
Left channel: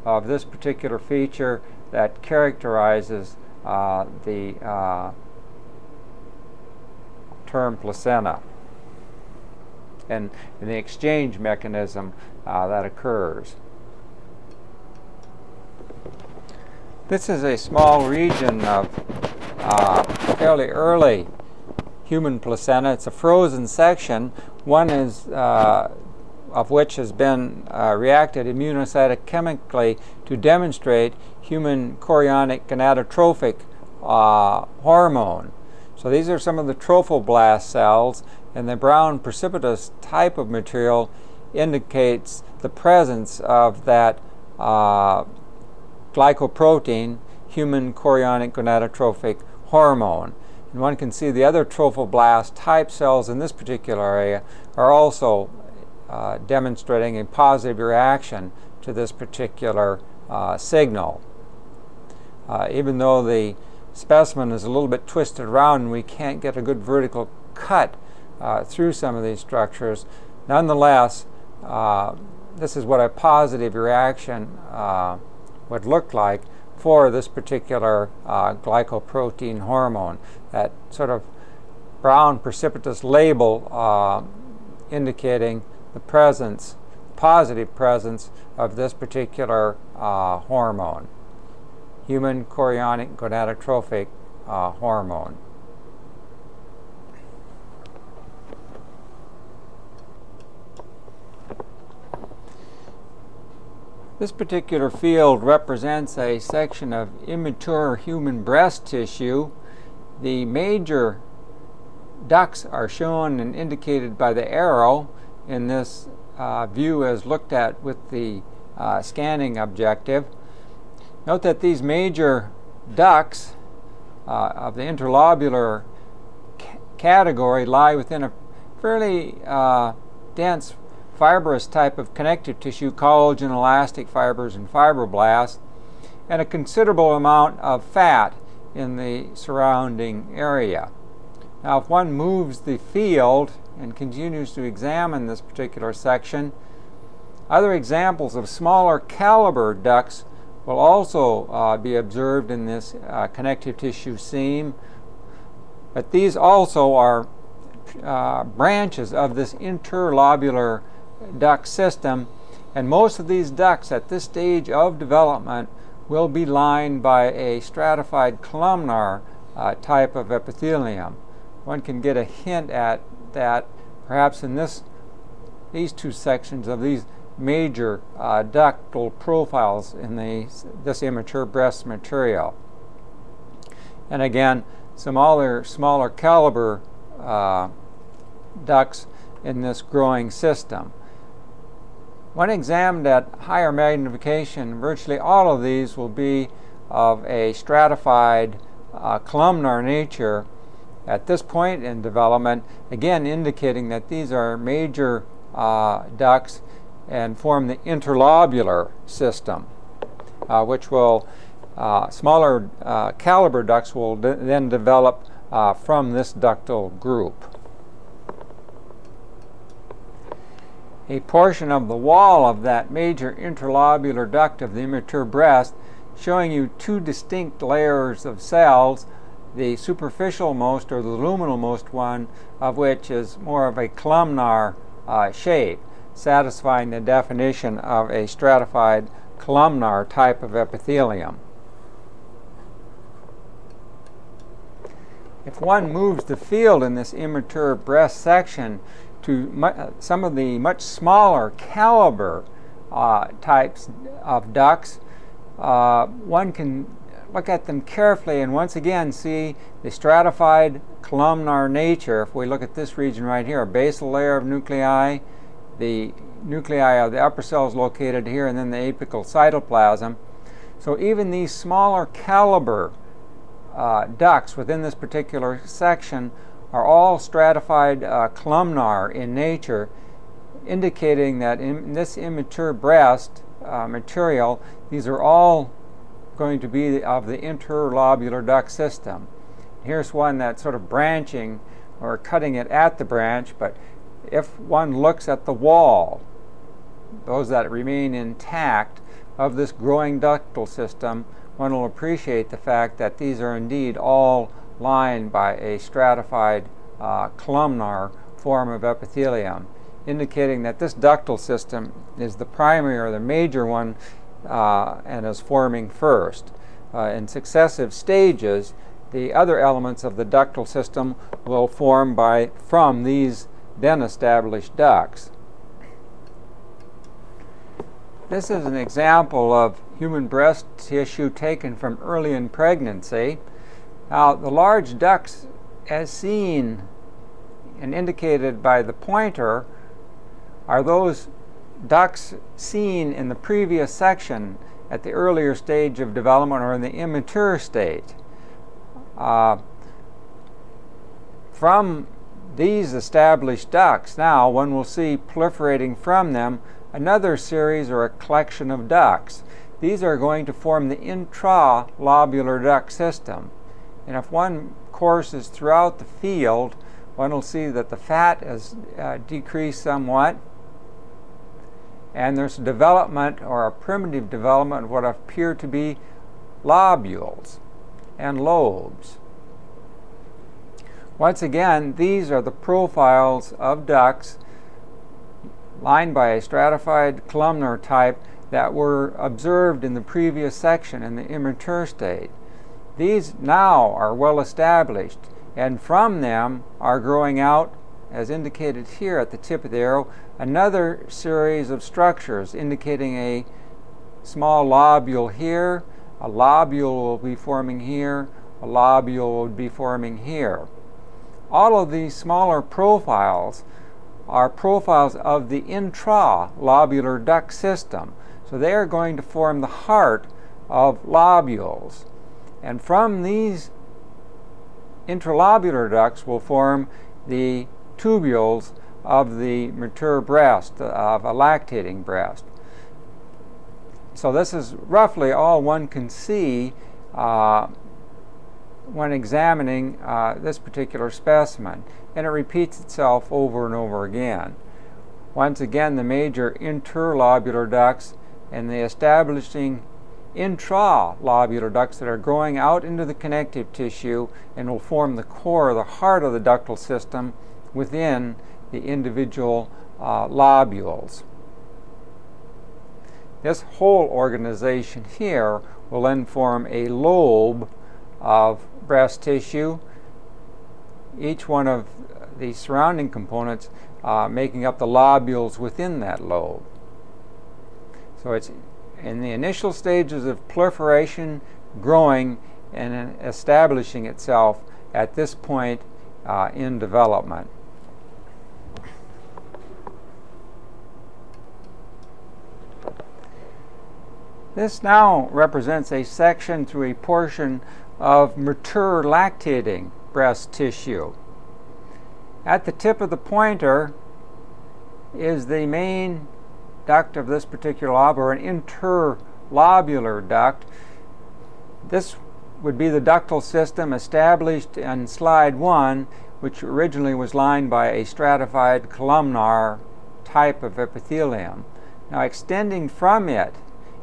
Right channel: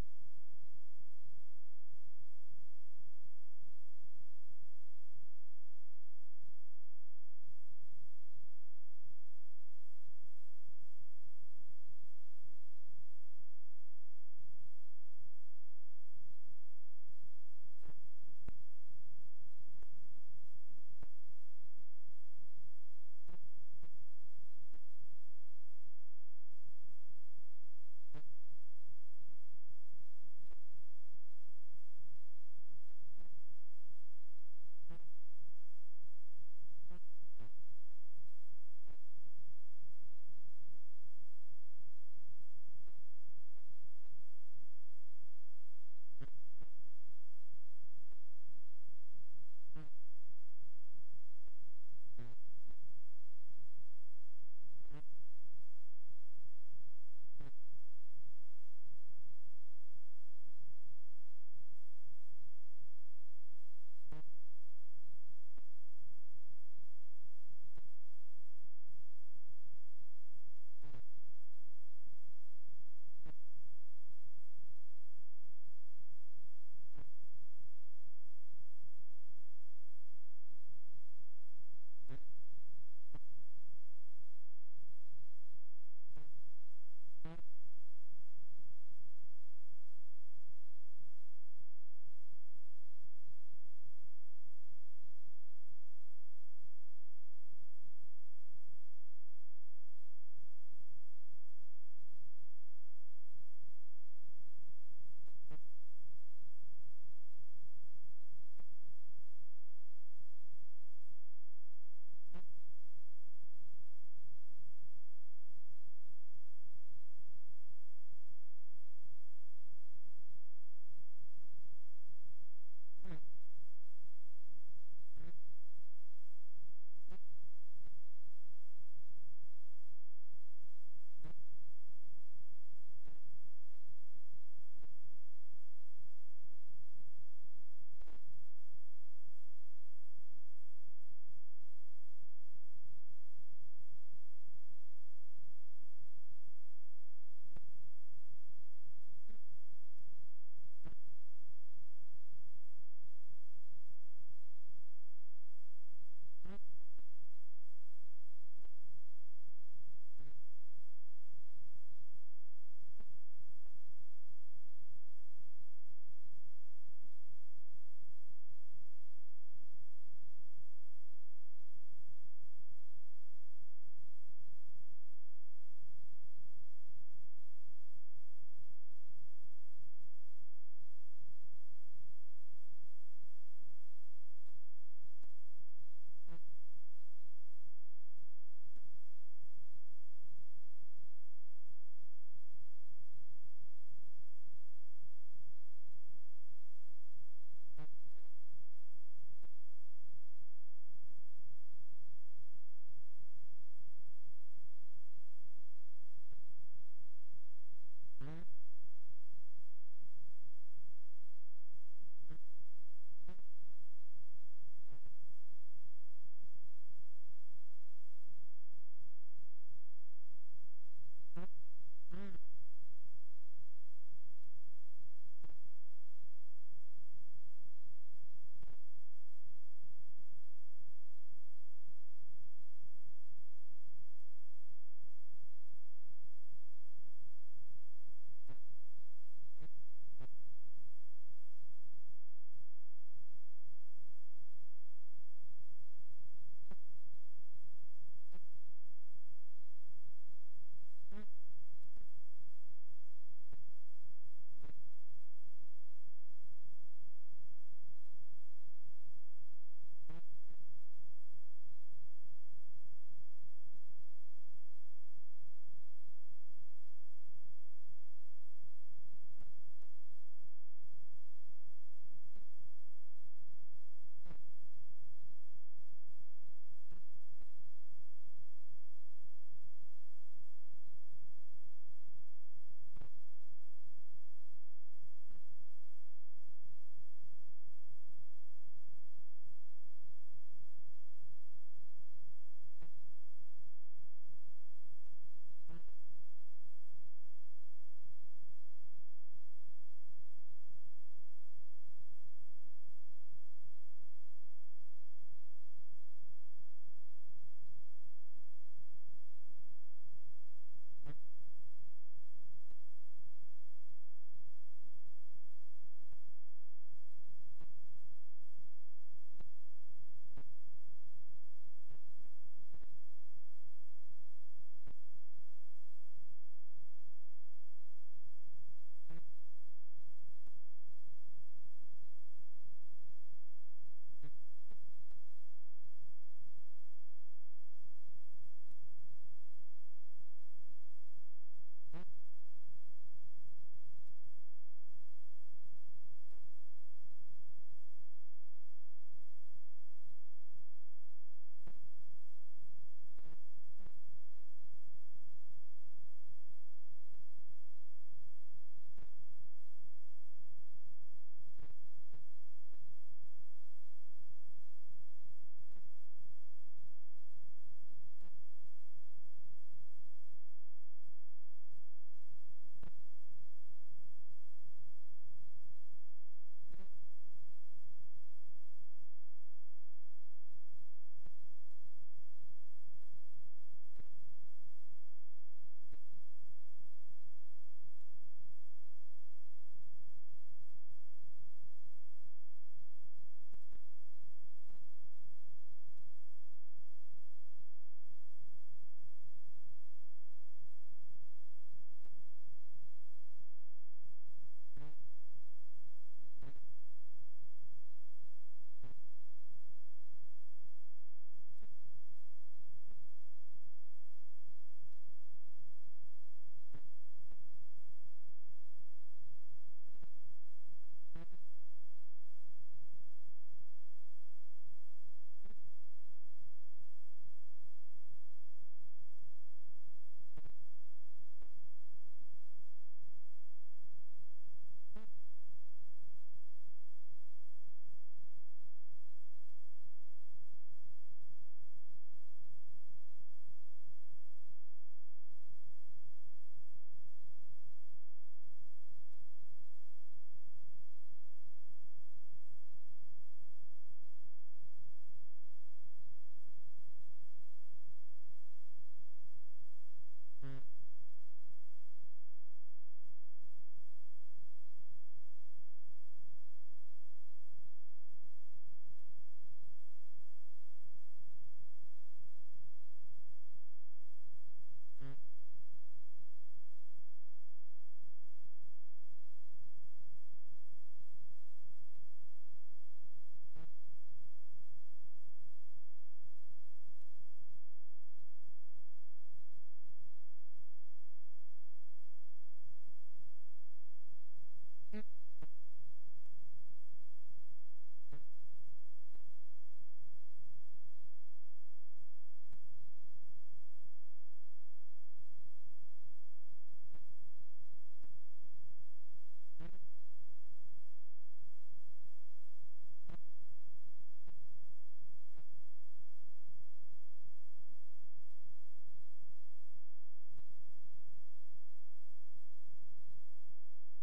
of this particular feature that characterizes the term placenta and the exchange mechanism that occurs. This is a small region of fairly early human placenta. It's a frozen section. One is of which has been reacted immunocytochemically to demonstrate human chorionic gonadotrophic hormone. So these are some of the trophoblast cells, and the brown precipitous type of material indicates the presence of that glycoprotein, human chorionic gonadotrophic hormone. And one can see the other trophoblast type cells in this particular area are also demonstrating a positive reaction to this particular signal. Even though the specimen is a little bit twisted around and we can't get a good vertical cut through some of these structures, nonetheless, this is what a positive reaction would look like for this particular glycoprotein hormone. That sort of brown precipitous label indicating the presence, positive presence, of this particular hormone, human chorionic gonadotrophic hormone. This particular field represents a section of immature human breast tissue. The major ducts are shown and indicated by the arrow in this view as looked at with the scanning objective. Note that these major ducts of the interlobular category lie within a fairly dense fibrous type of connective tissue, collagen, elastic fibers, and fibroblasts, and a considerable amount of fat in the surrounding area. Now, if one moves the field and continues to examine this particular section, other examples of smaller caliber ducts will also be observed in this connective tissue seam, but these also are branches of this interlobular duct system, and most of these ducts at this stage of development will be lined by a stratified columnar type of epithelium. One can get a hint at that perhaps in these two sections of these major ductal profiles in this immature breast material. And again, some other smaller caliber ducts in this growing system. When examined at higher magnification, virtually all of these will be of a stratified columnar nature at this point in development, again indicating that these are major ducts and form the interlobular system, which will, smaller caliber ducts will then develop from this ductal group. a portion of the wall of that major interlobular duct of the immature breast, showing you two distinct layers of cells, the superficial most or the luminal most one of which is more of a columnar shape, satisfying the definition of a stratified columnar type of epithelium. If one moves the field in this immature breast section to some of the much smaller caliber types of ducts, one can look at them carefully and once again see the stratified columnar nature. If we look at this region right here, a basal layer of nuclei, the nuclei of the upper cells located here, and then the apical cytoplasm. So even these smaller caliber ducts within this particular section are all stratified columnar in nature, indicating that in this immature breast material, these are all going to be of the interlobular duct system. Here's one that's sort of branching or cutting it at the branch, but if one looks at the wall, those that remain intact of this growing ductal system, one will appreciate the fact that these are indeed all lined by a stratified columnar form of epithelium, indicating that this ductal system is the primary or the major one and is forming first. In successive stages, the other elements of the ductal system will form from these then established ducts. This is an example of human breast tissue taken from early in pregnancy. Now, the large ducts, as seen and indicated by the pointer, are those ducts seen in the previous section at the earlier stage of development or in the immature state. From these established ducts, now one will see proliferating from them another series or a collection of ducts. These are going to form the intralobular duct system. And if one courses throughout the field, one will see that the fat has decreased somewhat, and there's a development or a primitive development of what appear to be lobules and lobes. Once again, these are the profiles of ducts lined by a stratified columnar type that were observed in the previous section in the immature state. These now are well established, and from them are growing out, as indicated here at the tip of the arrow, another series of structures indicating a small lobule here, a lobule will be forming here, a lobule will be forming here. All of these smaller profiles are profiles of the intralobular duct system. So they are going to form the heart of lobules. And from these intralobular ducts will form the tubules of the mature breast, of a lactating breast. So this is roughly all one can see when examining this particular specimen, and it repeats itself over and over again. Once again, the major interlobular ducts and the establishing intralobular ducts that are growing out into the connective tissue and will form the core, the heart of the ductal system within the individual lobules. This whole organization here will then form a lobe of breast tissue, each one of the surrounding components making up the lobules within that lobe. So it's in the initial stages of proliferation, growing, and establishing itself at this point in development. This now represents a section through a portion of mature lactating breast tissue. At the tip of the pointer is the main duct of this particular lobe, or an interlobular duct. This would be the ductal system established in slide 1, which originally was lined by a stratified columnar type of epithelium. Now, extending from it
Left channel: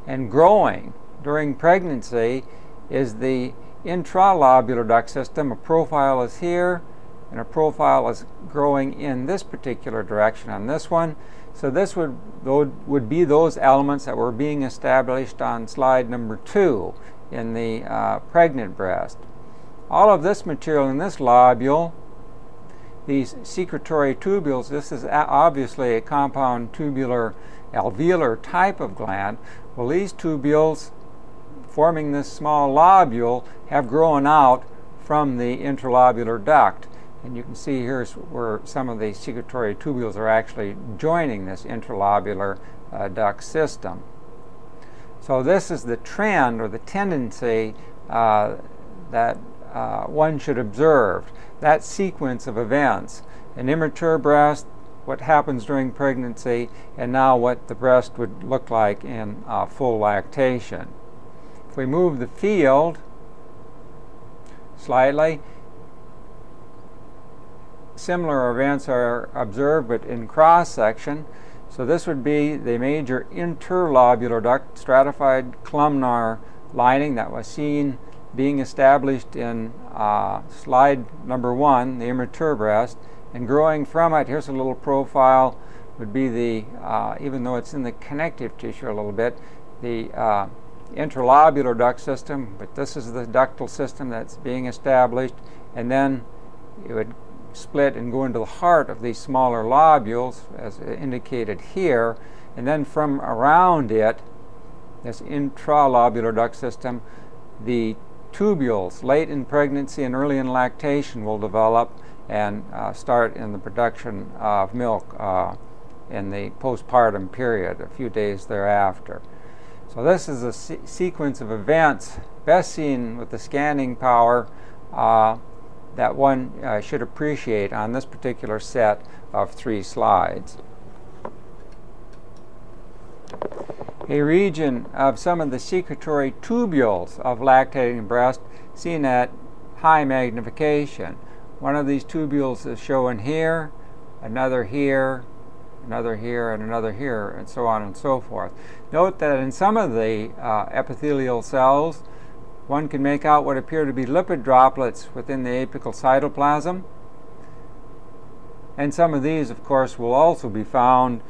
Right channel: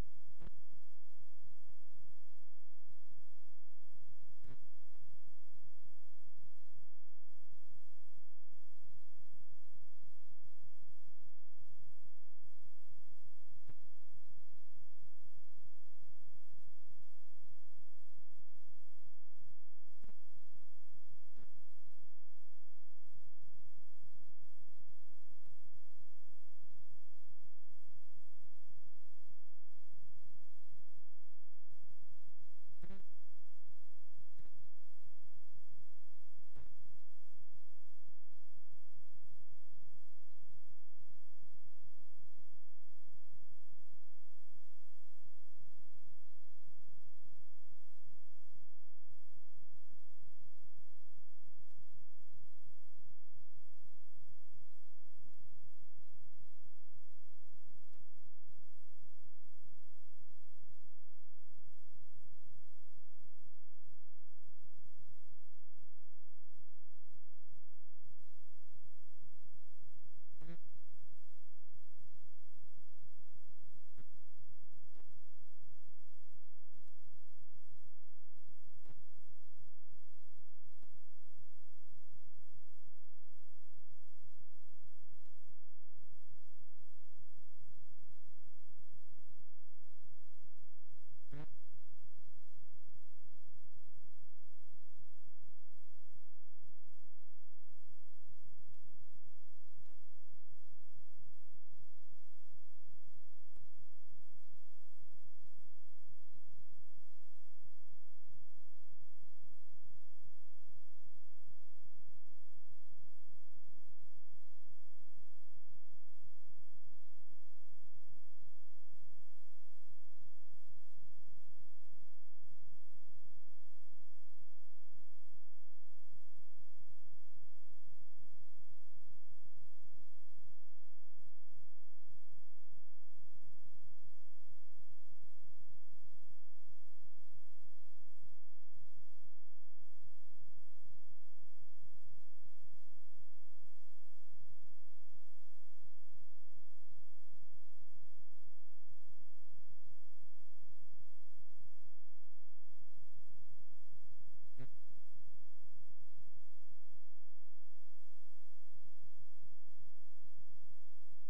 and growing during pregnancy is the intralobular duct system. A profile is here, and a profile is growing in this particular direction on this one. So this would be those elements that were being established on slide number 2 in the pregnant breast. All of this material in this lobule, these secretory tubules, this is obviously a compound tubular alveolar type of gland. Well, these tubules forming this small lobule have grown out from the intralobular duct. And you can see here's where some of the secretory tubules are actually joining this intralobular duct system. So this is the trend or the tendency that one should observe, that sequence of events. An immature breast, what happens during pregnancy, and now what the breast would look like in full lactation. If we move the field slightly, similar events are observed, but in cross-section. So this would be the major interlobular duct, stratified columnar lining that was seen being established in slide number 1, the immature breast, and growing from it, here's a little profile, would be the, even though it's in the connective tissue a little bit, the intralobular duct system, but this is the ductal system that's being established, and then it would split and go into the heart of these smaller lobules, as indicated here, and then from around it, this intralobular duct system, the tubules late in pregnancy and early in lactation will develop and start in the production of milk in the postpartum period, a few days thereafter. So this is a sequence of events best seen with the scanning power that one should appreciate on this particular set of 3 slides. A region of some of the secretory tubules of lactating breast seen at high magnification. One of these tubules is shown here, another here, another here, and another here, and so on and so forth. Note that in some of the epithelial cells, one can make out what appear to be lipid droplets within the apical cytoplasm. And some of these, of course, will also be found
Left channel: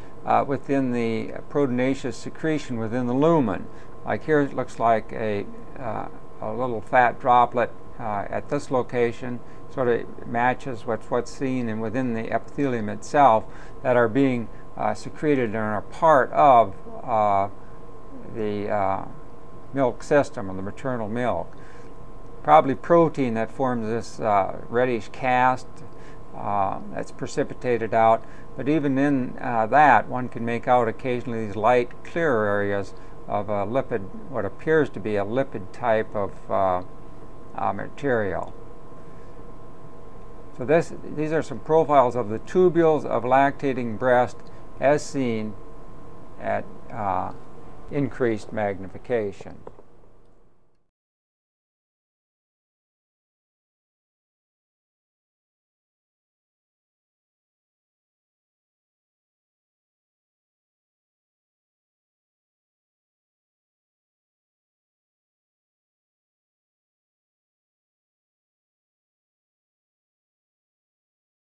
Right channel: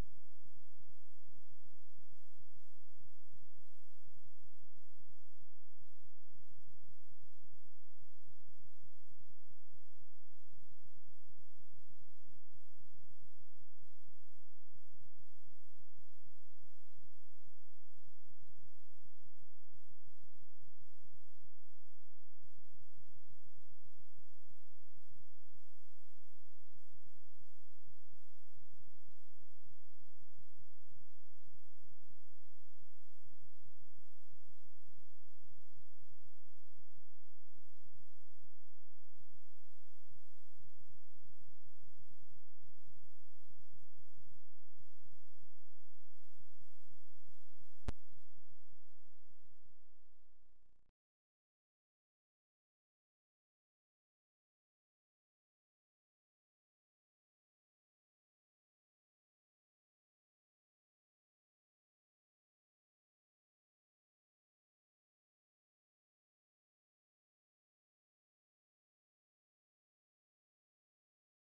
within the proteinaceous secretion within the lumen. Like here, it looks like a little fat droplet at this location. Sort of matches what's seen and within the epithelium itself that are being secreted and are part of the milk system, or the maternal milk. Probably protein that forms this reddish cast that's precipitated out, but even in that, one can make out occasionally these light, clear areas of a lipid, what appears to be a lipid type of material. So these are some profiles of the tubules of lactating breast as seen at increased magnification.